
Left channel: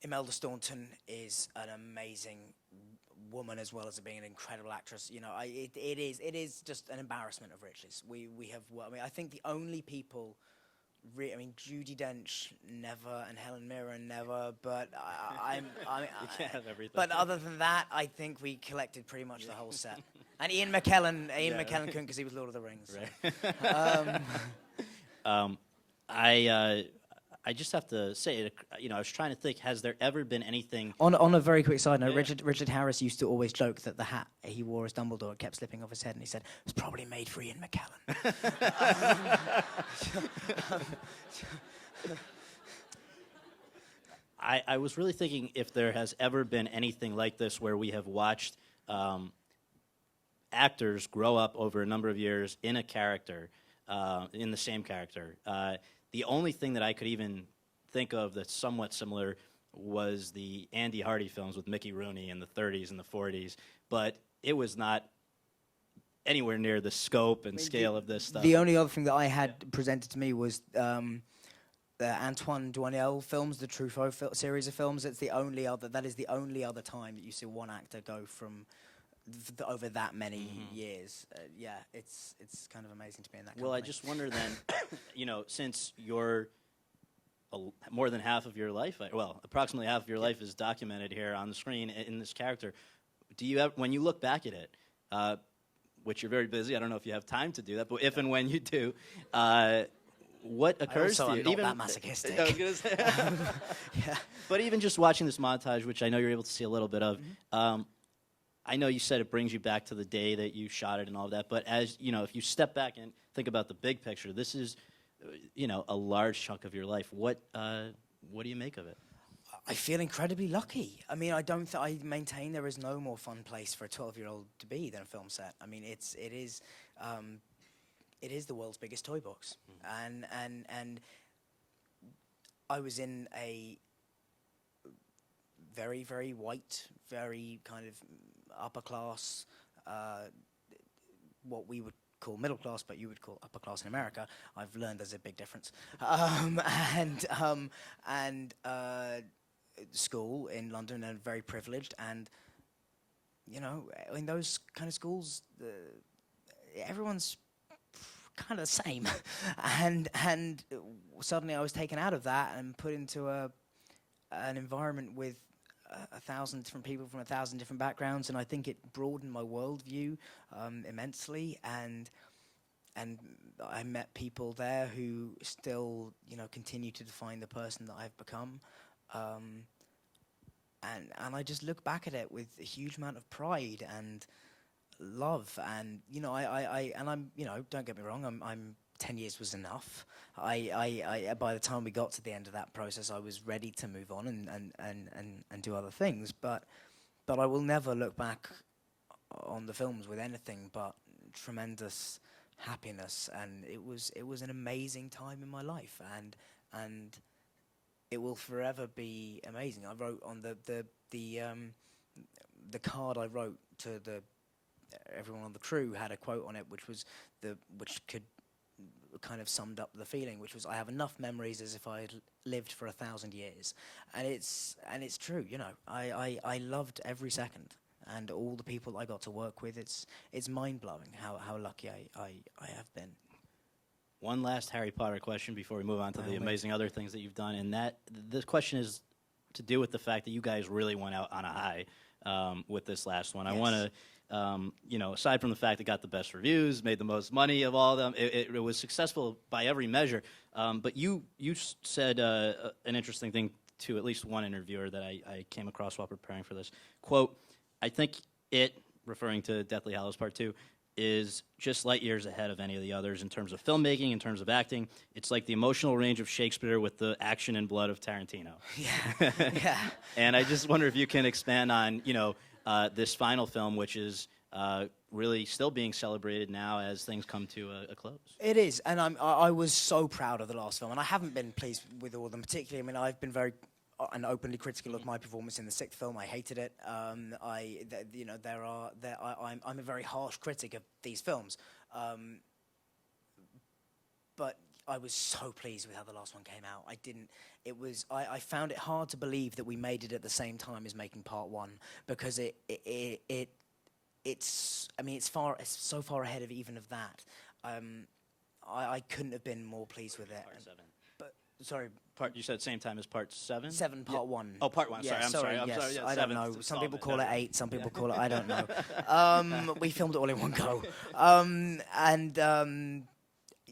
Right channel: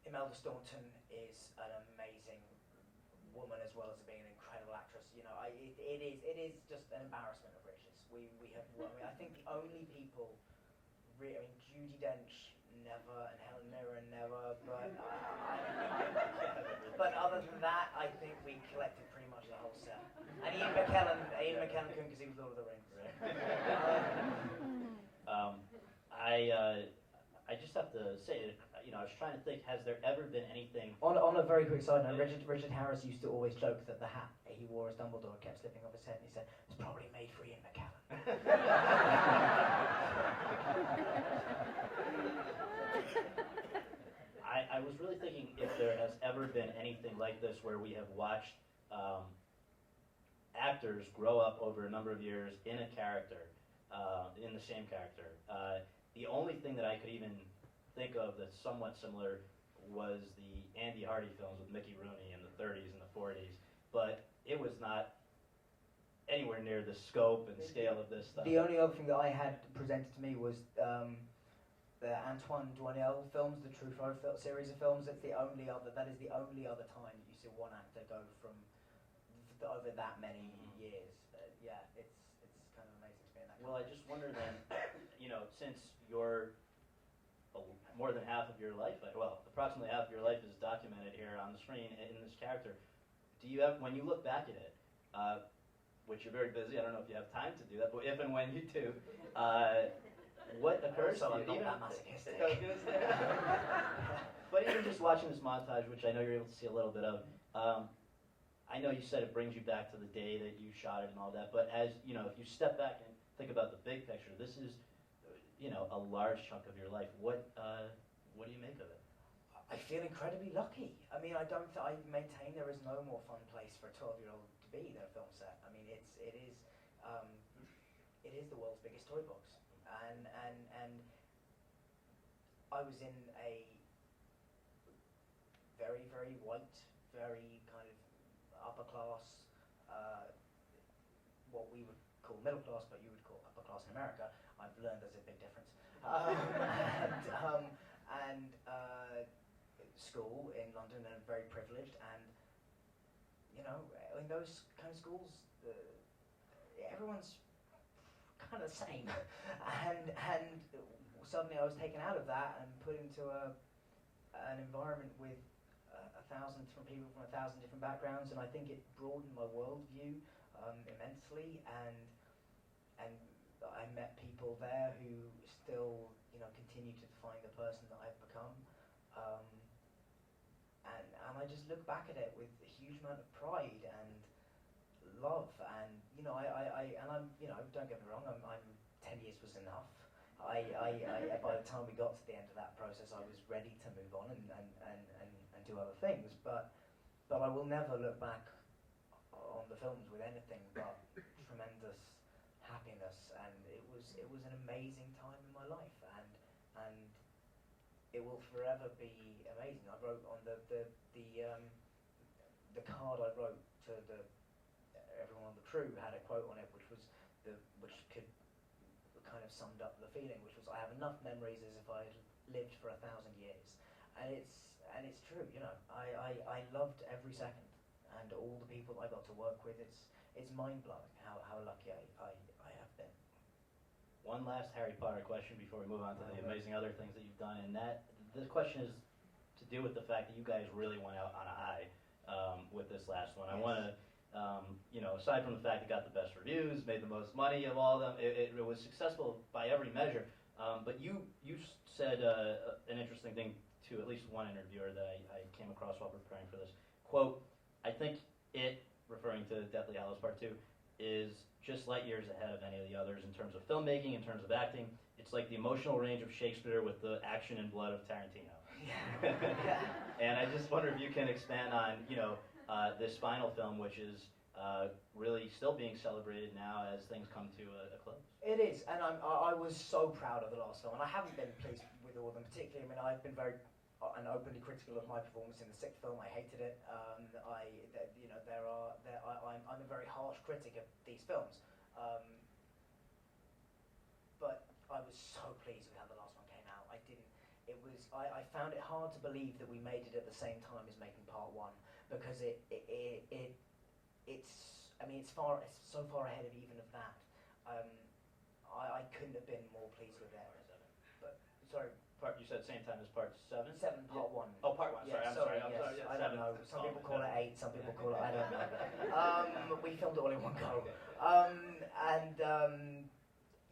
Imelda Staunton is an amazing woman, as well as being an incredible actress. It is just an embarrassment of riches. We have. I mean, I think the only people. Judi Dench never, and Helen Mirren never. But But other than that, I think we collected pretty much the whole set. And Ian McKellen couldn't, because he was Lord of the Rings. Right. I just have to say, I was trying to think, has there ever been anything... On a very quick side note, Richard Harris used to always joke that the hat he wore as Dumbledore kept slipping off his head, and he said, it was probably made for Ian McKellen. I was really thinking if there has ever been anything like this where we have watched actors grow up over a number of years in a character, in the same character. The only thing that I could even think of that's somewhat similar was the Andy Hardy films with Mickey Rooney in the 30s and the 40s, but it was not anywhere near the scope and scale of this stuff. The only other thing that I had presented to me was the Antoine Doinel films, the Truffaut series of films. That is the only other time that you see one actor go from over that many years. It's kind of amazing to be in that. Well, I just wonder then, since you're more than half of your life, approximately half of your life is documented here on the screen in this character. Do you have, when you look back at it, which you're very busy, I don't know if you have time to do that, but if and when you do, what occurs to you? I'm not that masochistic. I was gonna say. Yeah. But even just watching this montage, which I know you're able to see a little bit of. I know you said it brings you back to the day that you shot it and all of that, but as if you step back and think about the big picture, this is, a large chunk of your life. What do you make of it? I feel incredibly lucky. I mean, I maintain there is no more fun place for a 12-year-old to be than a film set. I mean, it is the world's biggest toy box, and I was in a very, very white, very kind of upper class, what we would call middle class, but you would call upper class in America. I've learned there's a big difference. And school in London, and very privileged, and in those kind of schools, everyone's kind of the same, and suddenly I was taken out of that and put into an environment with 1,000 different people from 1,000 different backgrounds, and I think it broadened my worldview immensely, and I met people there who still continue to define the person that I've become, and I just look back at it with a huge amount of pride and love, and I'm don't get me wrong, I'm 10 years was enough. by the time we got to the end of that process, I was ready to move on and do other things. But I will never look back on the films with anything but tremendous happiness, and it was an amazing time in my life, and it will forever be amazing. I wrote on the card I wrote to everyone on the crew had a quote on it, which could kind of summed up the feeling, which was, I have enough memories as if I had lived for 1,000 years, and it's true. You know, I loved every second, and all the people I got to work with. It's mind blowing how lucky I have been. One last Harry Potter question before we move on to the amazing other things that you've done, and this question is to do with the fact that you guys really went out on a high with this last one. Yes. I want to, aside from the fact it got the best reviews, made the most money of all of them, it was successful by every measure. But you said an interesting thing to at least one interviewer that I came across while preparing for this. Quote, I think it, referring to Deathly Hallows Part 2, is just light years ahead of any of the others in terms of filmmaking, in terms of acting. It's like the emotional range of Shakespeare with the action and blood of Tarantino. Yeah. Yeah. And I just wonder if you can expand on, this final film, which is really still being celebrated now as things come to a close. It is, and I was so proud of the last film, and I haven't been pleased with all of them particularly. I mean, I've been very and openly critical of my performance in the sixth film. I hated it. I'm a very harsh critic of these films, but I was so pleased with how the last one came out. I found it hard to believe that we made it at the same time as making part one, because it's so far ahead of even of that. I couldn't have been more pleased with it. Part 7. But sorry. You said same time as part 7? 7, part 1. Oh, part 1. Yeah, sorry. I'm yes. sorry. Yeah, I don't know. Some people call it 8. Some people call it. I don't know. We filmed it all in one go.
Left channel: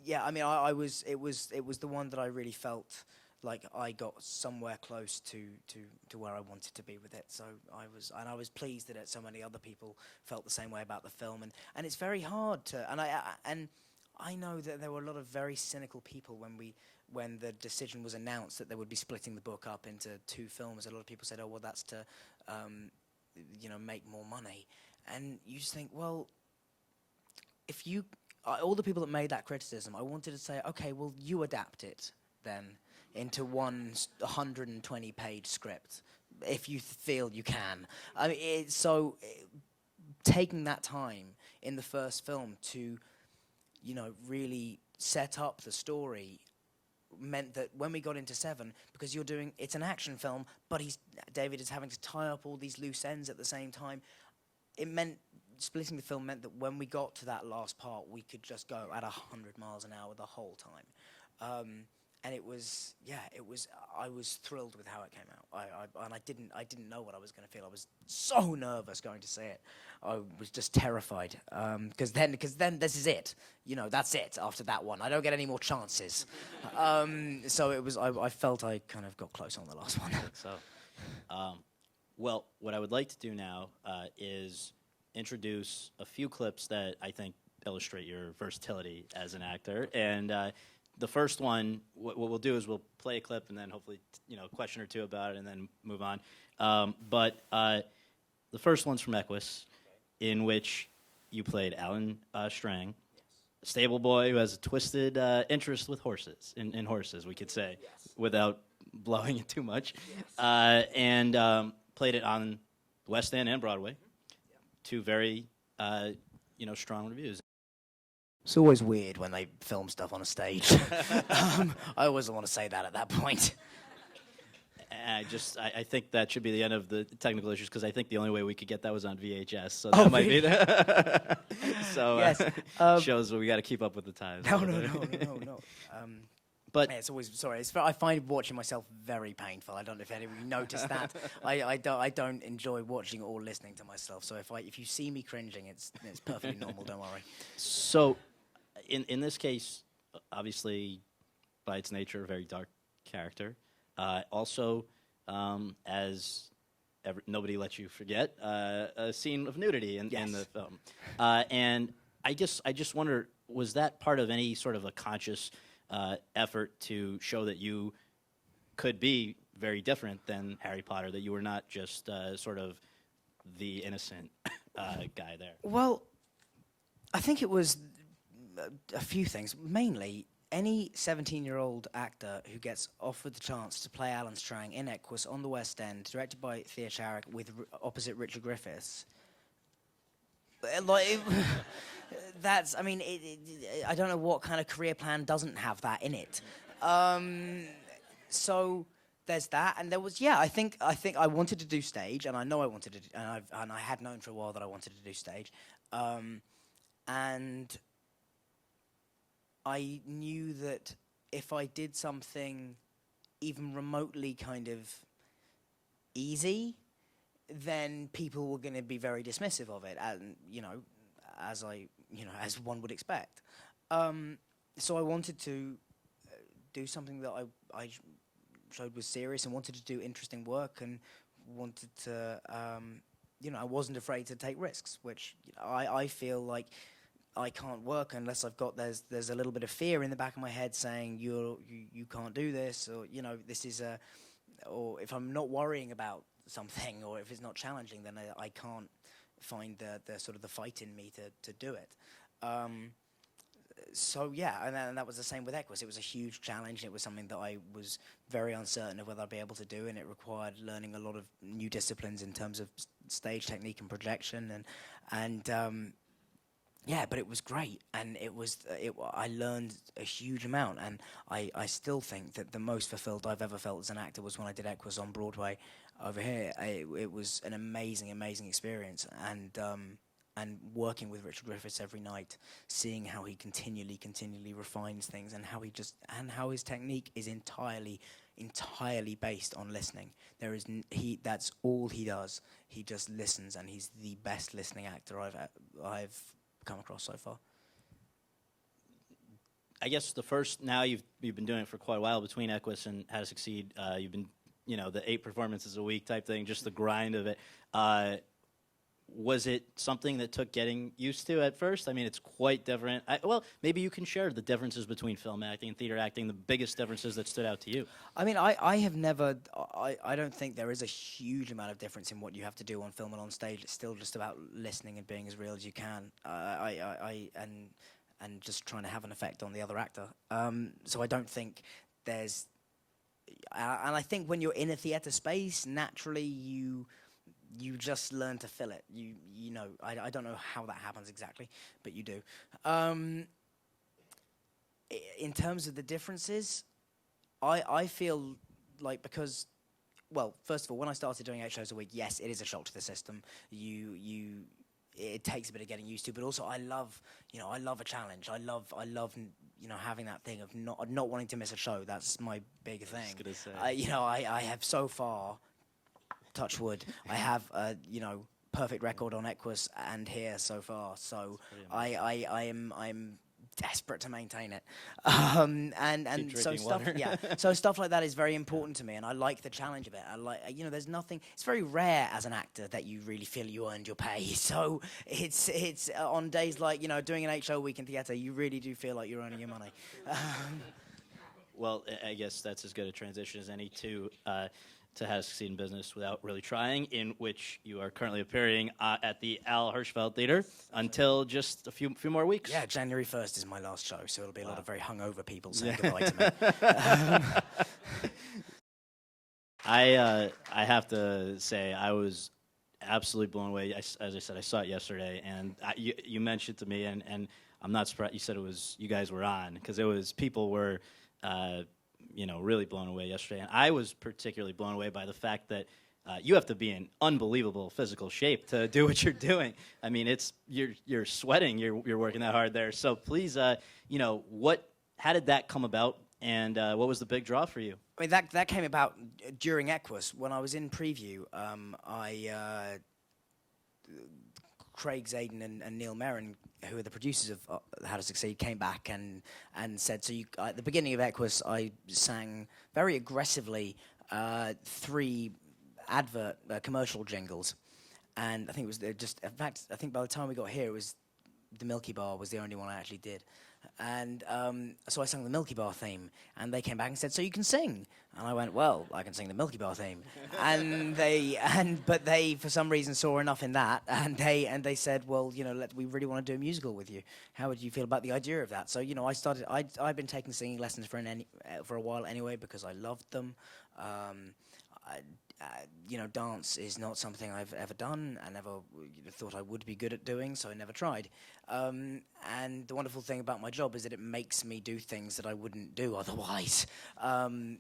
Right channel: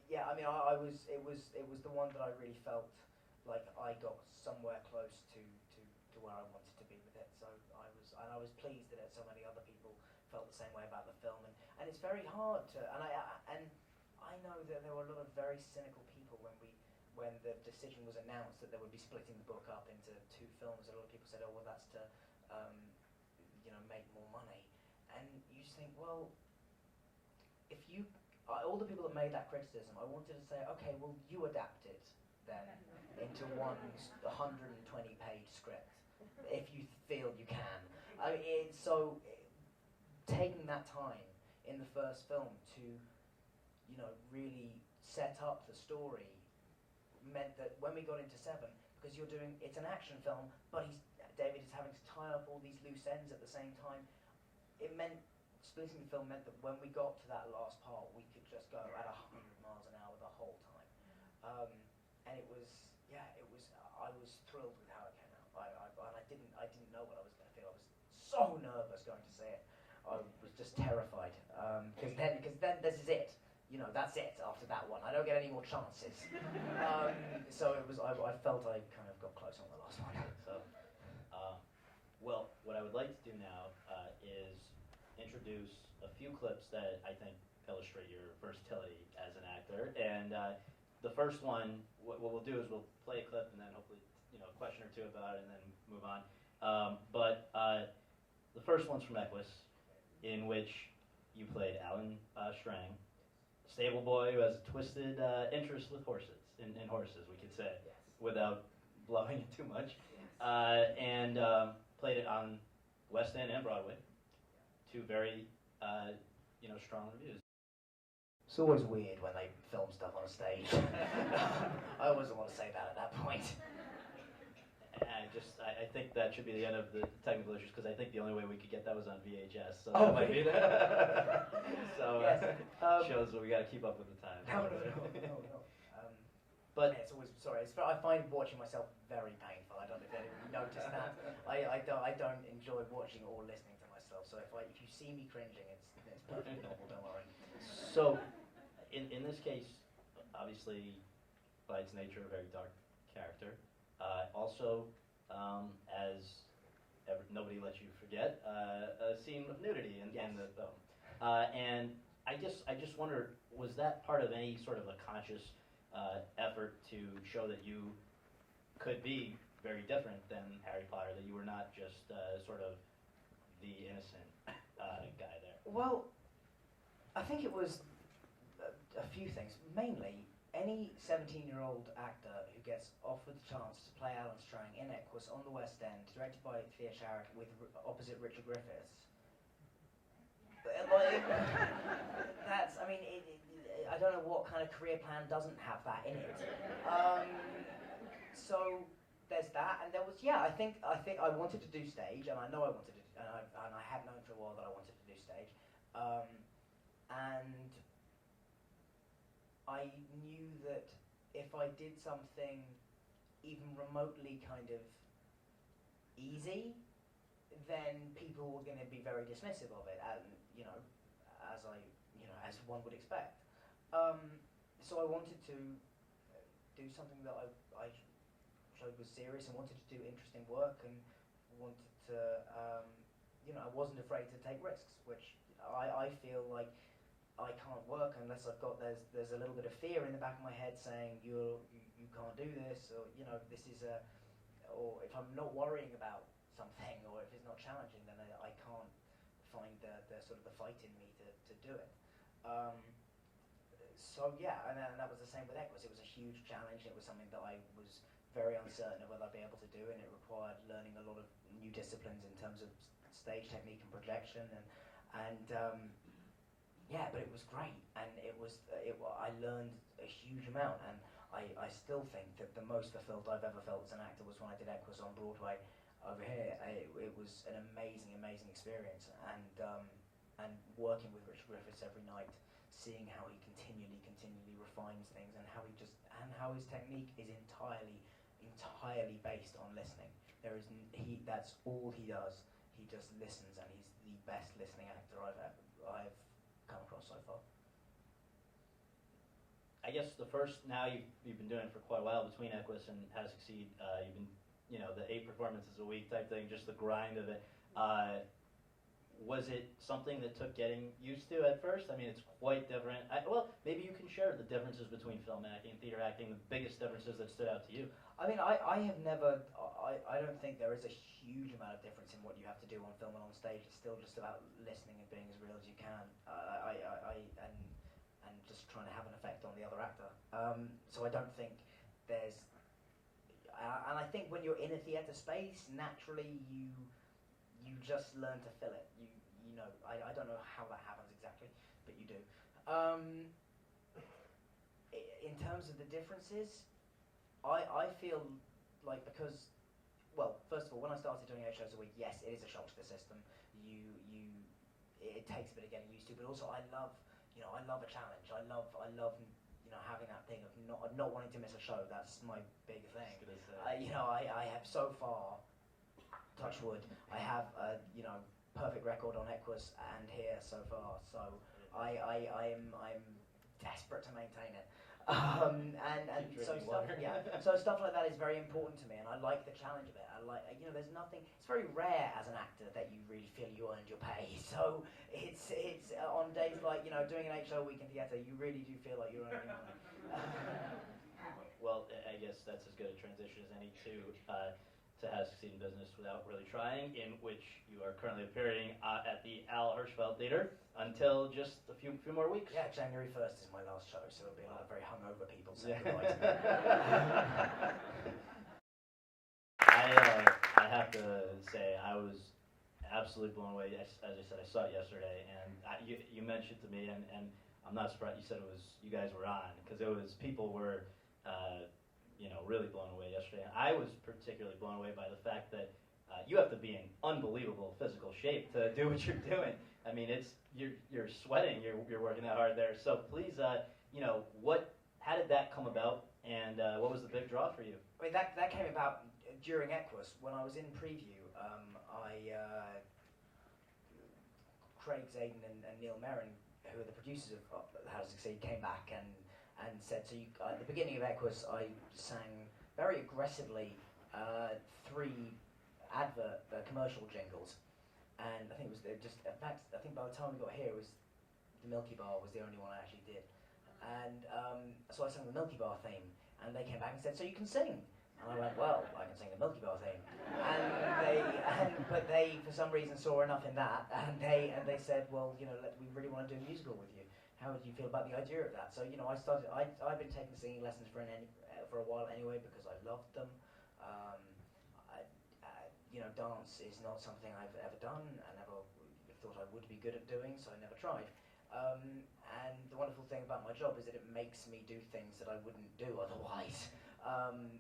Yeah. I mean, It was the one that I really felt like I got somewhere close to where I wanted to be with it. So I was pleased that so many other people felt the same way about the film, and it's very hard to. And I know that there were a lot of very cynical people when the decision was announced that they would be splitting the book up into 2 films. A lot of people said, "Oh, well, that's to, make more money," and you just think, well, if you, all the people that made that criticism, I wanted to say, okay, well, you adapt it then into one 120-page script if you feel you can. I mean, taking that time in the first film to, really set up the story meant that when we got into 7, because it's an action film, but David is having to tie up all these loose ends at the same time. It meant, splitting the film meant that when we got to that last part, we could just go at 100 miles an hour the whole time. And I was thrilled with how it came out. I didn't know what I was going to feel. I was so nervous going to say it. I was just terrified, because then this is it. That's it after that one. I don't get any more chances. So it was. I felt I kind of got close on the last one. So, well, what I would like to do now is introduce a few clips that I think illustrate your versatility as an actor. And the first one, what we'll do is we'll play a clip and then hopefully a question or two about it and then move on. But the first one's from Equus, in which you played Alan Strang, a stable boy who has a twisted interest with horses, in horses, we could say, without blowing it too much, and played it on West End and Broadway, 2 very, strong reviews. It's always weird when they film stuff on a stage. I always want to say that at that point. I think that should be the end of the technical issues, because I think the only way we could get that was on VHS, so that might be the so yes. Shows we got to keep up with the times. No. But it's always I find watching myself very painful. I don't know if anyone noticed that. I don't enjoy watching or listening to myself. So if you see me cringing, it's perfectly normal. Don't worry. So, in this case, obviously, by its nature, a very dark character. Also, as nobody lets you forget, a scene of nudity in the film. And I just wonder, was that part of any sort of a conscious effort to show that you could be very different than Harry Potter, that you were not just sort of the innocent guy there? Well, I think it was a few things. Mainly, any 17-year-old actor who gets offered the chance to play Alan Strang in Equus on the West End, directed by Thea Sharrock, with opposite Richard Griffiths, that's, I mean, I don't know what kind of career plan doesn't have that in it. So there's that, and there was, I think I wanted to do stage, and I know I wanted to, and I had known for a while that I wanted to do stage, and I knew that if I did something even remotely kind of easy, then people were going to be very dismissive of it, and as one would expect. So I wanted to do something that I showed was serious, and wanted to do interesting work, and wanted to, I wasn't afraid to take risks, which I feel like I can't work unless I've got, there's a little bit of fear in the back of my head saying you can't do this, or this is or if I'm not worrying about something, or if it's not challenging, then I can't find the sort of the fight in me to do it. And that was the same with Equus. It was a huge challenge. It was something that I was very uncertain of whether I'd be able to do, and it required learning a lot of new disciplines in terms of stage technique and projection, but it was great, and I learned a huge amount, and I still think that the most fulfilled I've ever felt as an actor was when I did Equus on Broadway over here. It was an amazing experience, and working with Richard Griffiths every night, seeing how he continually refines things, and how his technique is entirely based on listening. That's all he does. He just listens, and he's the best listening actor I've come across so far. I guess now you've been doing it for quite a while between Equus and How to Succeed. You've been, the 8 performances a week type thing, just the grind of it. Was it something that took getting used to at first? I mean, it's quite different. Maybe you can share the differences between film acting and theater acting, the biggest differences that stood out to you. I mean, I have never, I don't think there is a huge amount of difference in what you have to do on film and on stage. It's still just about listening and being as real as you can, and just trying to have an effect on the other actor. So I don't think there's, and I think when you're in a theatre space, naturally you just learn to fill it. I don't know how that happens exactly, but you do. In terms of the differences, I feel like, because, first of all, when I started doing 8 shows a week, yes, it is a shock to the system. It takes a bit of getting used to, but also I love a challenge. I love having that thing of not wanting to miss a show. That's my big thing. I was gonna say. I have so far, touch wood, I have perfect record on Equus and here so far. So I'm desperate to maintain it. And so stuff so stuff like that is very important to me, and I like the challenge of it. I like, there's nothing, it's very rare as an actor that you really feel you earned your pay. So it's on days like, doing an 8 show week in theatre, you really do feel like you're earning your money. Well, I guess that's as good a transition as any to How to Succeed in Business Without Really Trying, in which you are currently appearing at the Al Hirschfeld Theater until just a few more weeks. Yeah, January 1st is my last show, so it'll be a lot of very hungover people saying goodbye to me. I have to say, I was absolutely blown away. As I said, I saw it yesterday, and you mentioned to me, and I'm not surprised you said you guys were on, because people were really blown away yesterday. And I was particularly blown away by the fact that you have to be in unbelievable physical shape to do what you're doing. I mean, you're sweating, you're working that hard there. So please, how did that come about, and what was the big draw for you? I mean, that came about during Equus. When I was in preview, Craig Zaden and Neil Merrin, who are the producers of How to Succeed, came back and said, so at the beginning of Equus, I sang very aggressively 3 commercial jingles, and I think it was just, in fact, I think by the time we got here, it was the Milky Bar was the only one I actually did. And so I sang the Milky Bar theme, and they came back and said, "So you can sing?" And I went, "Well, I can sing the Milky Bar theme." But they for some reason saw enough in that, and they said, "Well, we really want to do a musical with you. How would you feel about the idea of that?" So I've been taking singing lessons for a while anyway, because I loved them. Dance is not something I've ever done. I never thought I would be good at doing, so I never tried. And the wonderful thing about my job is that it makes me do things that I wouldn't do otherwise. And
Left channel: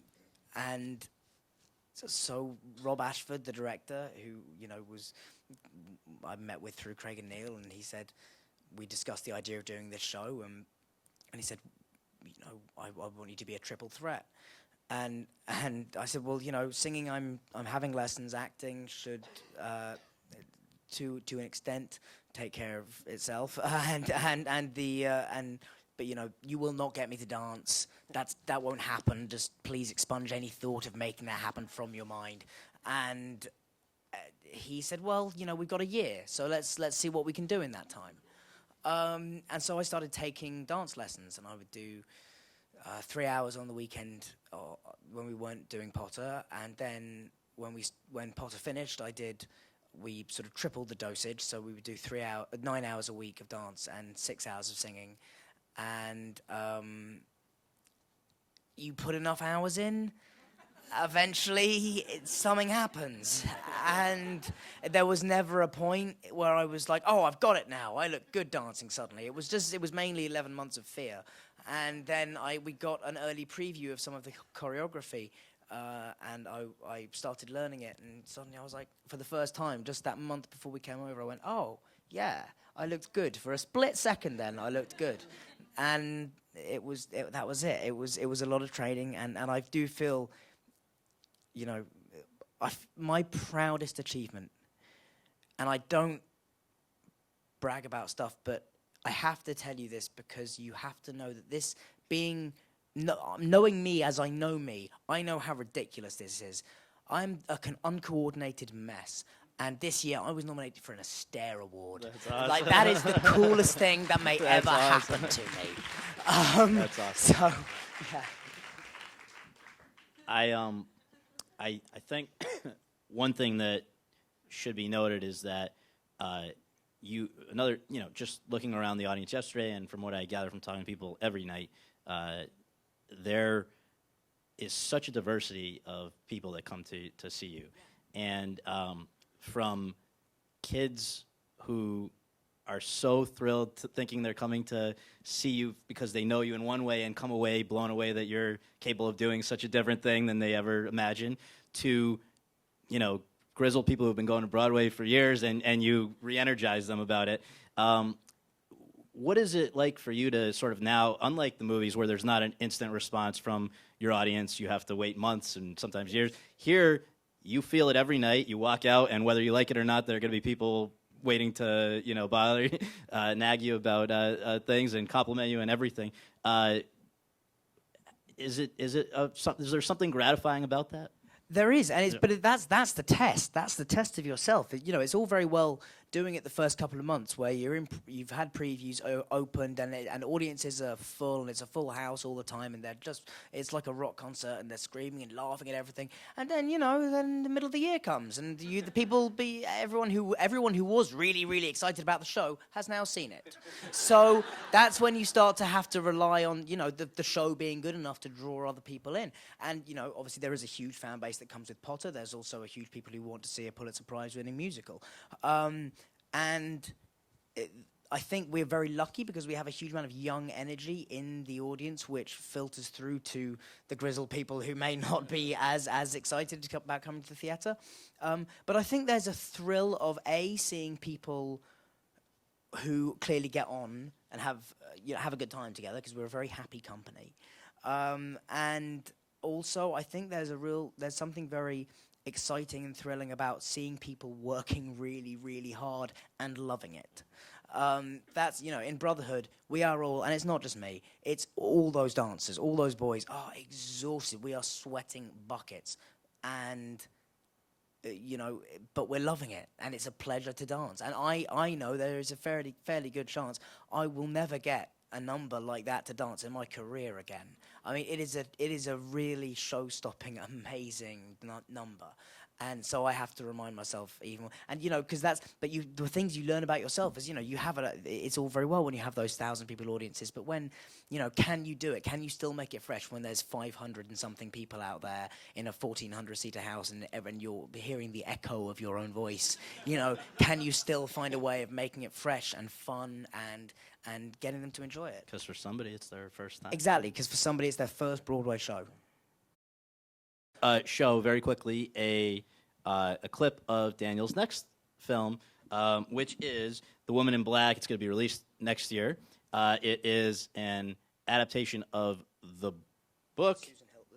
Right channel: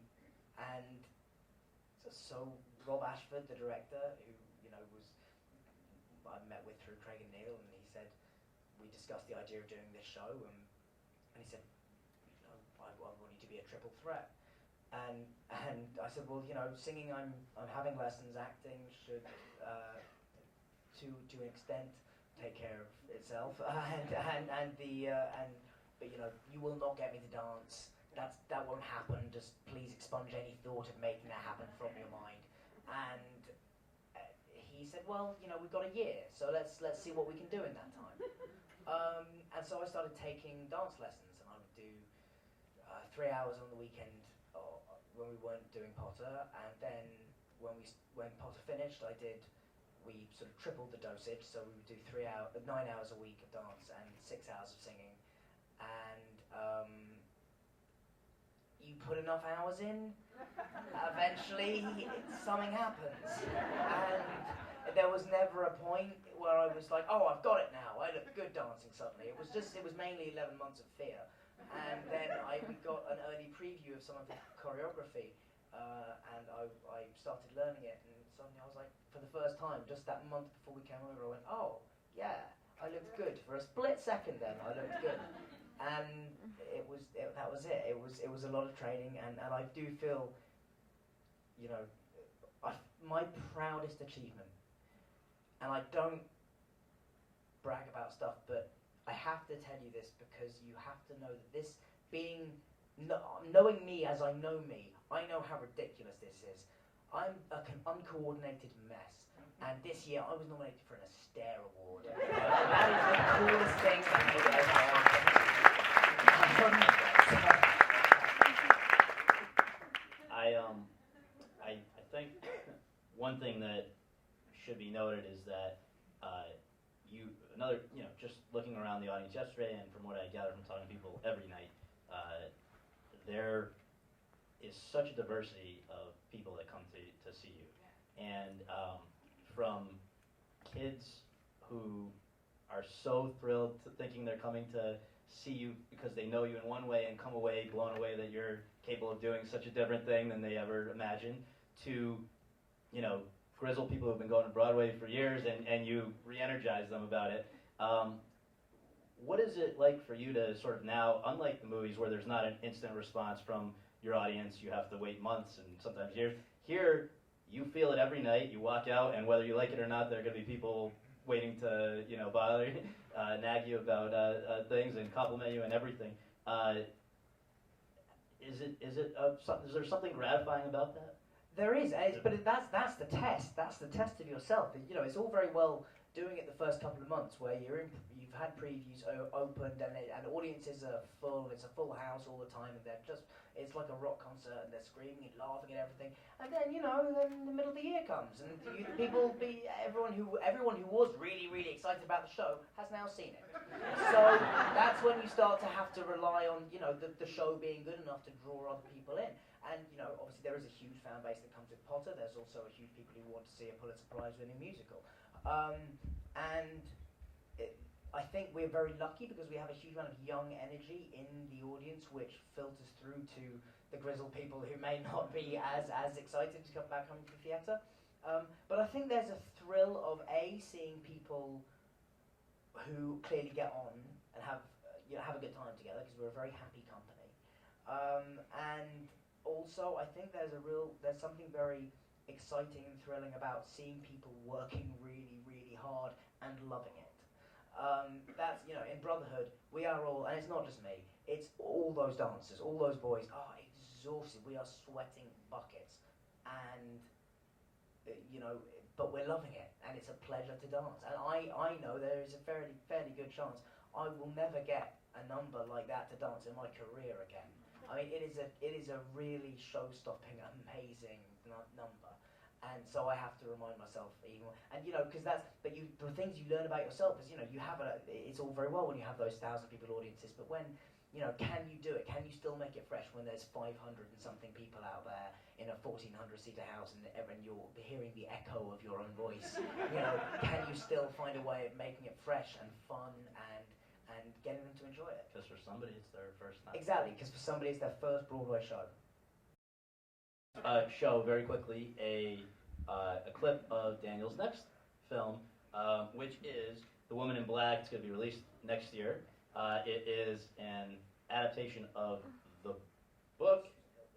so Rob Ashford, the director, who I met with through Craig and Neil, and he said, we discussed the idea of doing this show, and he said, I want you to be a triple threat. And I said, well, singing, I'm having lessons. Acting should, to an extent, take care of itself. But you will not get me to dance. That won't happen. Just please expunge any thought of making that happen from your mind. And he said, well, we've got a year, so let's see what we can do in that time. And so I started taking dance lessons, and I would do 3 hours on the weekend when we weren't doing Potter, and then when Potter finished, we sort of tripled the dosage, so we would do 9 hours a week of dance and 6 hours of singing, and you put enough hours in, eventually something happens, and there was never a point where I was like, oh, I've got it now, I look good dancing suddenly. It was mainly 11 months of fear. And then we got an early preview of some of the choreography, and I started learning it, and suddenly I was like, for the first time, just that month before we came over, I went, oh, yeah, I looked good. For a split second then, I looked good. And that was it. It was a lot of training, and I do feel, my proudest achievement, and I don't brag about stuff, but I have to tell you this because you have to know that this knowing me as I know me, I know how ridiculous this is. I'm an uncoordinated mess. And this year I was nominated for an Astaire Award. Like, that is the coolest thing that may ever happen to me. I think one thing that should be noted is that just looking around the audience yesterday, and from what I gather from talking to people every night, there is such a diversity of people that come to see you. And from kids who are so thrilled thinking they're coming to see you because they know you in one way and come away blown away that you're capable of doing such a different thing than they ever imagined, to, grizzled people who've been going to Broadway for years and you re-energize them about it. What is it like for you to sort of now, unlike the movies where there's not an instant response from your audience, you have to wait months and sometimes years, here you feel it every night, you walk out, and whether you like it or not, there are going to be people waiting to, bother you, nag you about things and compliment you and everything. Is there something gratifying about that? There is, but that's the test. That's the test of yourself. It's all very well doing it the first couple of months where you've had previews opened and audiences are full, and it's a full house all the time, and it's like a rock concert, and they're screaming and laughing at everything. And then then the middle of the year comes, and everyone who was really, really excited about the show has now seen it. So that's when you start to have to rely on the show being good enough to draw other people in. And obviously there is a huge fan base that comes with Potter. There's also a huge people who want to see a Pulitzer Prize winning musical. I think we're very lucky because we have a huge amount of young energy in the audience, which filters through to the grizzled people who may not be as excited about coming to the theatre. But I think there's a thrill of seeing people who clearly get on and have a good time together, because we're a very happy company. And also, I think there's something very exciting and thrilling about seeing people working really, really hard and loving it. That's, in Brotherhood, we are all, and it's not just me, it's all those dancers, all those boys are exhausted. We are sweating buckets, and, but we're loving it, and it's a pleasure to dance. And I know there is a fairly good chance I will never get a number like that to dance in my career again. I mean, it is a really show-stopping, amazing number. And so I have to remind myself even more. And, because the things you learn about yourself is, you have it's all very well when you have those 1,000 people audiences, but when, can you do it? Can you still make it fresh when there's 500 and something people out there in a 1,400-seater house and you're hearing the echo of your own voice? Can you still find a way of making it fresh and fun and getting them to enjoy it? Because for somebody, it's their first time. Exactly, because for somebody, it's their first Broadway show. Show very quickly a clip of Daniel's next film, which is The Woman in Black. It's going to be released next year. It is an adaptation of the book.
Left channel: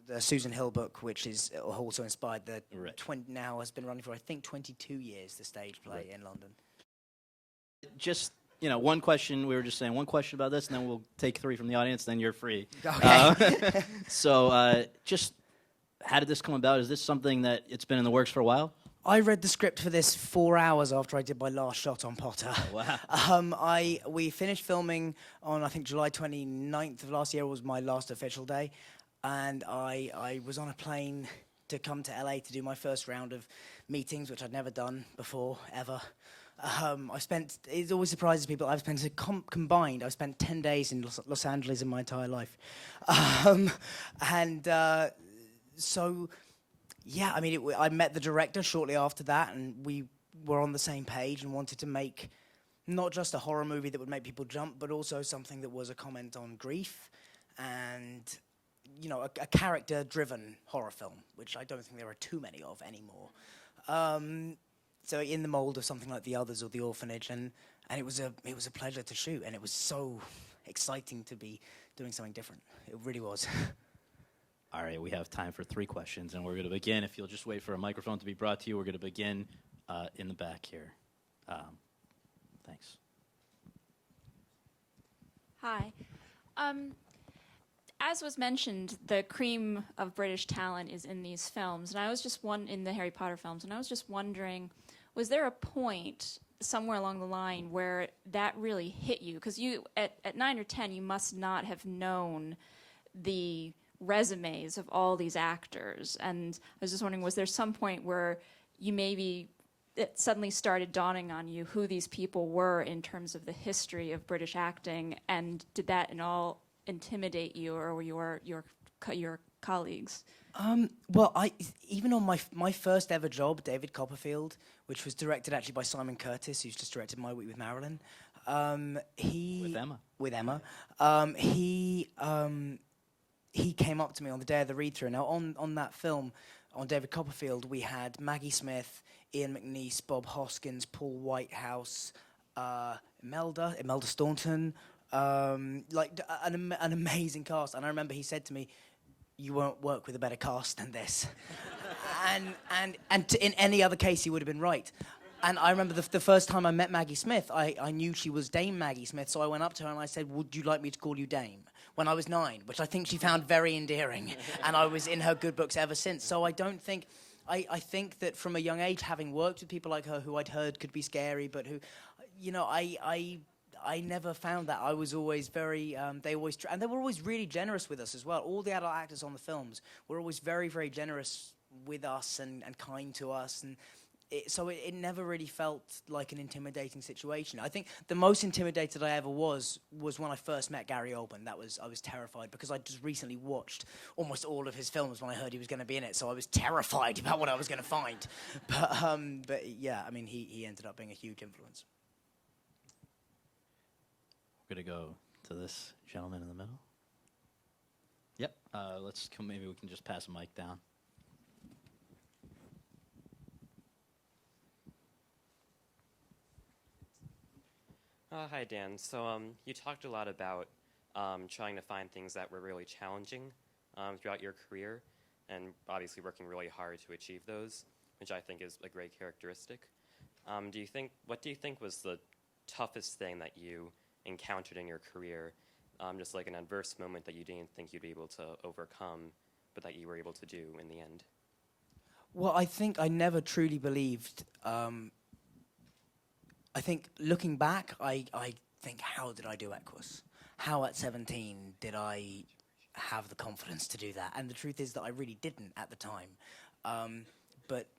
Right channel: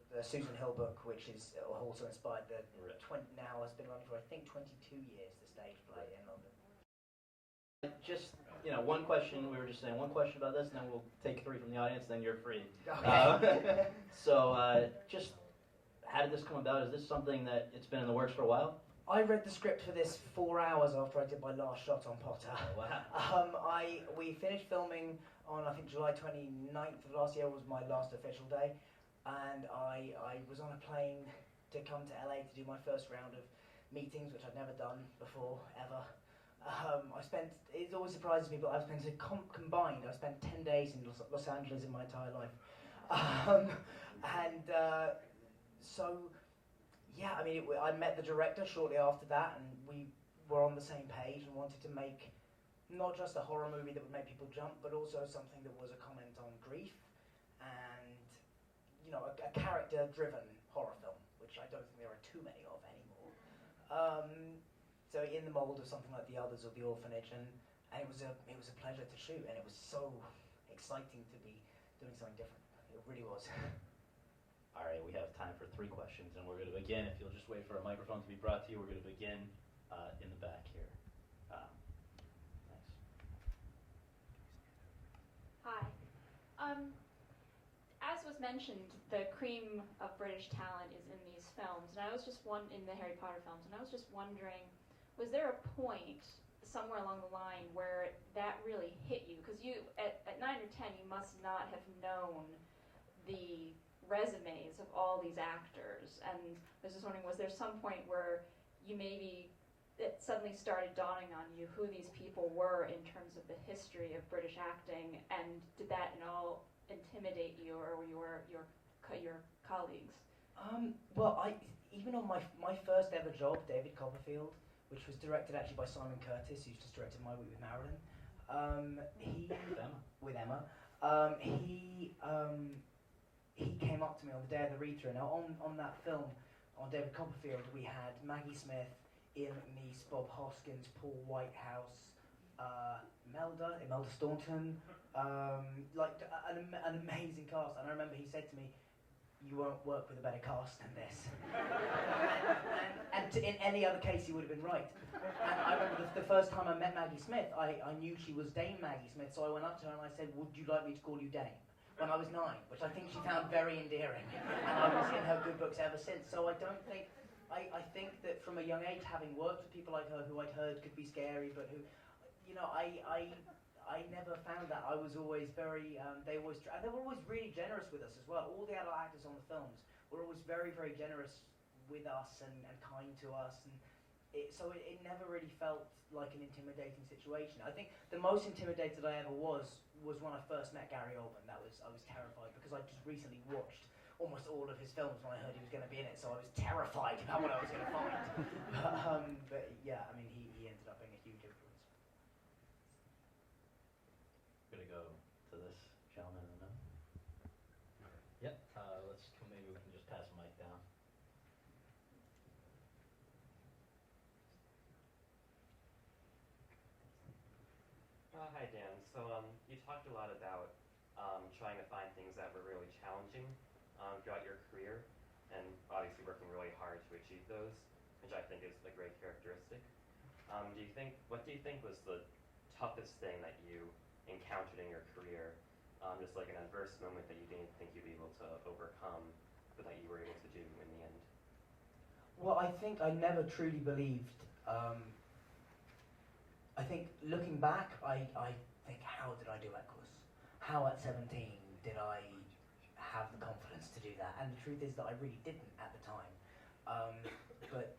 The Susan Hill book, which is also inspired now has been running for, I think, 22 years, the stage play in London. Just, one question. We were just saying one question about this, and then we'll take 3 from the audience, then you're free. Okay. Just... how did this come about? Is this something that it's been in the works for a while? I read the script for this 4 hours after I did my last shot on Potter. Oh, wow. We finished filming on, I think, July 29th of last year was my last official day. And I was on a plane to come to LA to do my first round of meetings, which I'd never done before, ever. It always surprises people, I've spent combined, I've spent 10 days in Los Angeles in my entire life. So, yeah, I mean, I met the director shortly after that, and we were on the same page and wanted to make not just a horror movie that would make people jump, but also something that was a comment on grief and, a character-driven horror film, which I don't think there are too many of anymore. So in the mold of something like The Others or The Orphanage, and it was a pleasure to shoot, and it was so exciting to be doing something different. It really was. All right, we have time for 3 questions, and we're going to begin. If you'll just wait for a microphone to be brought to you, we're going to begin in the back here. Thanks. Hi. As was mentioned, the cream of British talent is in these films, and I was just in the Harry Potter films, and I was just wondering, was there a point somewhere along the line where that really hit you? Because you, at 9 or 10, you must not have known the resumes of all these actors, and I was just wondering, was there some point where it suddenly started dawning on you who these people were in terms of the history of British acting, and did that at all intimidate you or your colleagues? Well, even on my first ever job, David Copperfield, which was directed actually by Simon Curtis, who's just directed My Week with Marilyn. With Emma. He came up to me on the day of the read-through. Now, on that film, on David Copperfield, we had Maggie Smith, Ian McNeice, Bob Hoskins, Paul Whitehouse, Imelda Staunton, an amazing cast. And I remember he said to me, "You won't work with a better cast than this." and in any other case, he would have been right. And I remember the first time I met Maggie Smith, I knew she was Dame Maggie Smith, so I went up to her and I said, "Would you like me to call you Dame?" When I was 9, which I think she found very endearing, and I was in her good books ever since. So I don't think, I think that from a young age, having worked with people like her who I'd heard could be scary, but who, I never found that. I was always very, and they were always really generous with us as well. All the adult actors on the films were always very, very generous with us and kind to us, and so it never really felt like an intimidating situation. I think the most intimidated I ever was when I first met Gary Oldman. I was terrified because I just recently watched almost all of his films when I heard he was going to be in it, so I was terrified about what I was going to find. But yeah, I mean, he ended up being a huge influence. We're going to go to this gentleman in the middle. Yep, maybe we can just pass the mic down. Hi, Dan. So you talked a lot about trying to find things that were really challenging throughout your career, and obviously working really hard to achieve those, which I think is a great characteristic. What do you think was the toughest thing that you encountered in your career, just like an adverse moment that you didn't think you'd be able to overcome, but that you were able to do in the end? Well, I think I never truly believed. I think looking back, I think, how did I do Equus? how at 17 did I have the confidence to do that? And the truth is that I really didn't at the time. But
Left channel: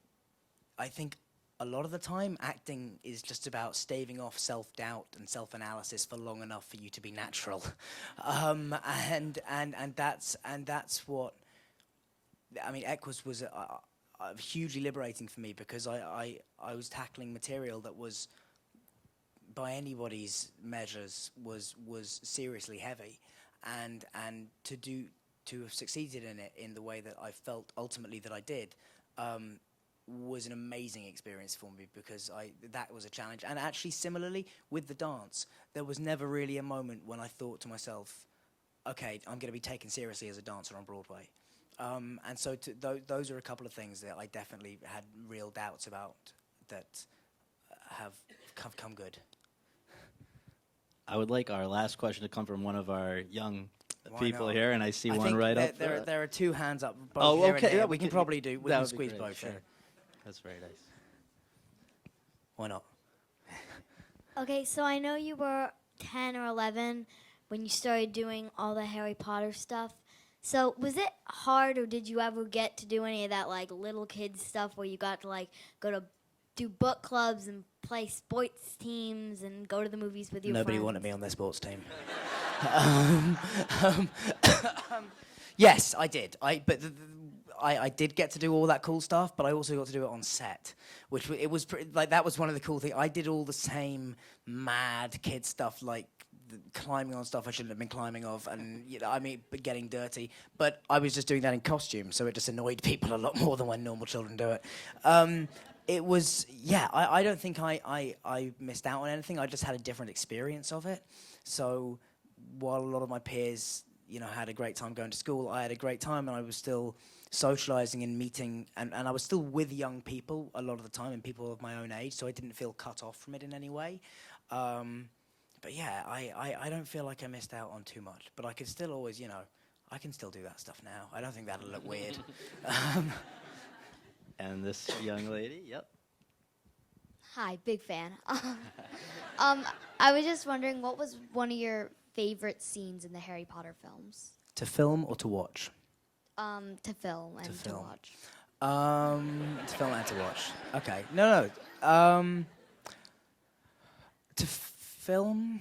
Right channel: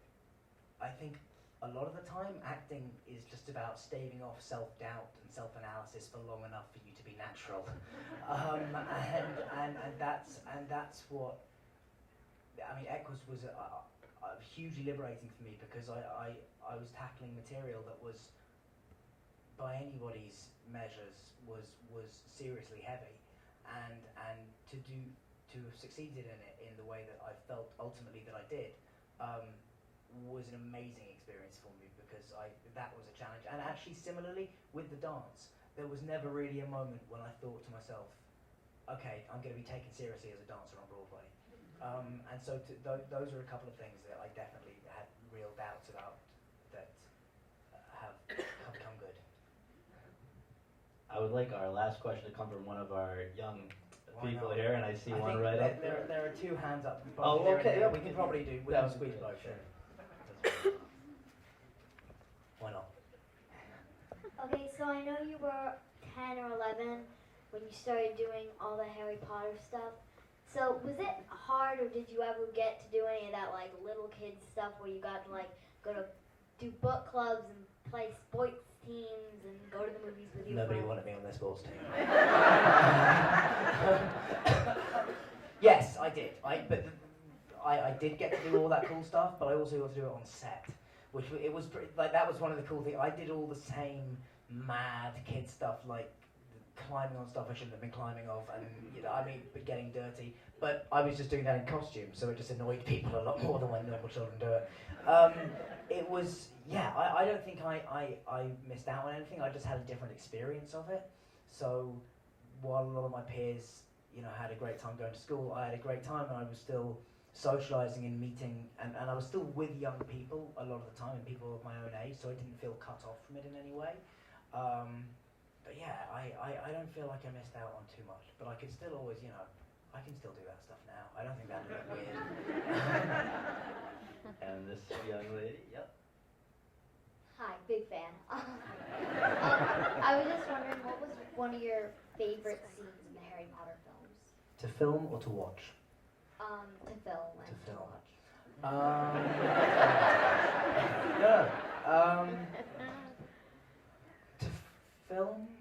I think a lot of the time, acting is just about staving off self-doubt and self-analysis for long enough for you to be natural, and that's what. I mean, Equus was hugely liberating for me because I was tackling material that was, by anybody's measures, was seriously heavy, and to have succeeded in it in the way that I felt ultimately that I did. Was an amazing experience for me because that was a challenge. And actually, similarly, with the dance, there was never really a moment when I thought to myself, okay, I'm going to be taken seriously as a dancer on Broadway. And so those are a couple of things that I definitely had real doubts about that have come good. I would like our last question to come from one of our young people here, and I see one right up. There are two hands up. Both here and there. We can probably do. We can squeeze both. Sure. That's fine. Why not? Okay, so I know you were 10 or 11 when you started doing all the Harry Potter stuff. So was it hard, or did you ever get to do any of that like little kid stuff where you got to like go to do book clubs and play sports teams and go to the movies with your Nobody friends? wanted me on their sports team. Yes, I did. I did get to do all that cool stuff, but I also got to do it on set, which that was one of the cool things. I did all the same mad kid stuff, like climbing on stuff I shouldn't have been climbing off, and getting dirty. But I was just doing that in costume, so it just annoyed people a lot more than when normal children do it. It was, I don't think I missed out on anything. I just had a different experience of it. So while a lot of my peers, had a great time going to school, I had a great time, and I was still socializing and meeting, and I was still with young people a lot of the time, and people of my own age, so I didn't feel cut off from it in any way. But yeah, I don't feel like I missed out on too much, but I could still always, I can still do that stuff now. I don't think that'll look weird. And this young lady, yep. Hi, big fan. I was just wondering, what was one of your favorite scenes in the Harry Potter films? To film or to watch? To film and to watch. To film and to watch. Okay. No. To film.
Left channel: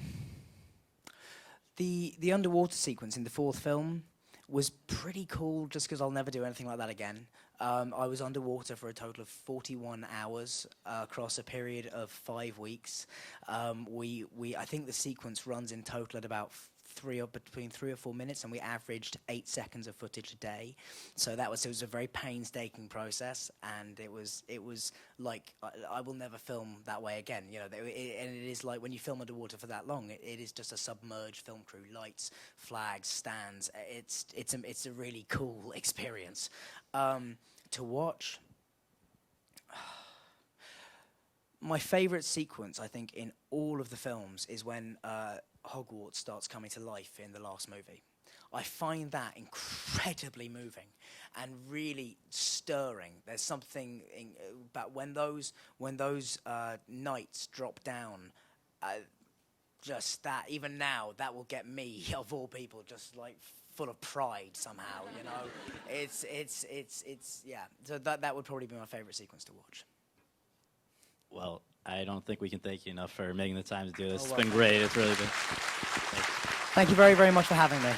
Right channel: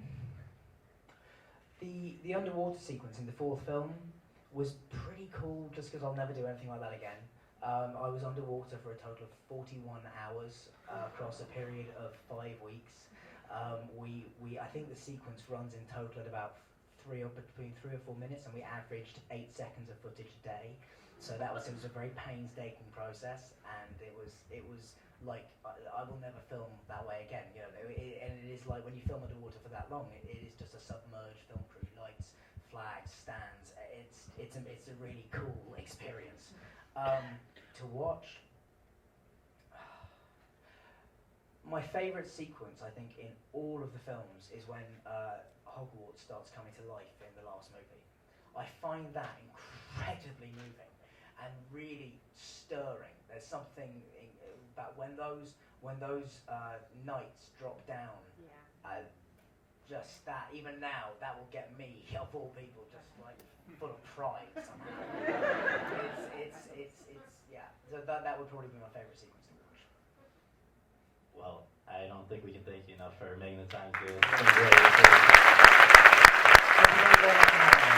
The underwater sequence in the fourth film was pretty cool, just because I'll never do anything like that again. I was underwater for a total of 41 hours across a period of 5 weeks. I think the sequence runs in total at about between 3 or 4 minutes, and we averaged 8 seconds of footage a day. So it was a very painstaking process, and it was like I will never film that way again. And it is like when you film underwater for that long, it is just a submerged film crew, lights, flags, stands. It's a really cool experience. To watch, my favourite sequence, I think, in all of the films is when Hogwarts starts coming to life in the last movie. I find that incredibly moving and really stirring. There's something about when those knights drop down. Just that, even now, that will get me, of all people, just like full of pride somehow. It's yeah. So that would probably be my favourite sequence to watch. Well, I don't think we can thank you enough for making the time to do this. It's been great. Thank you very, very much for having me.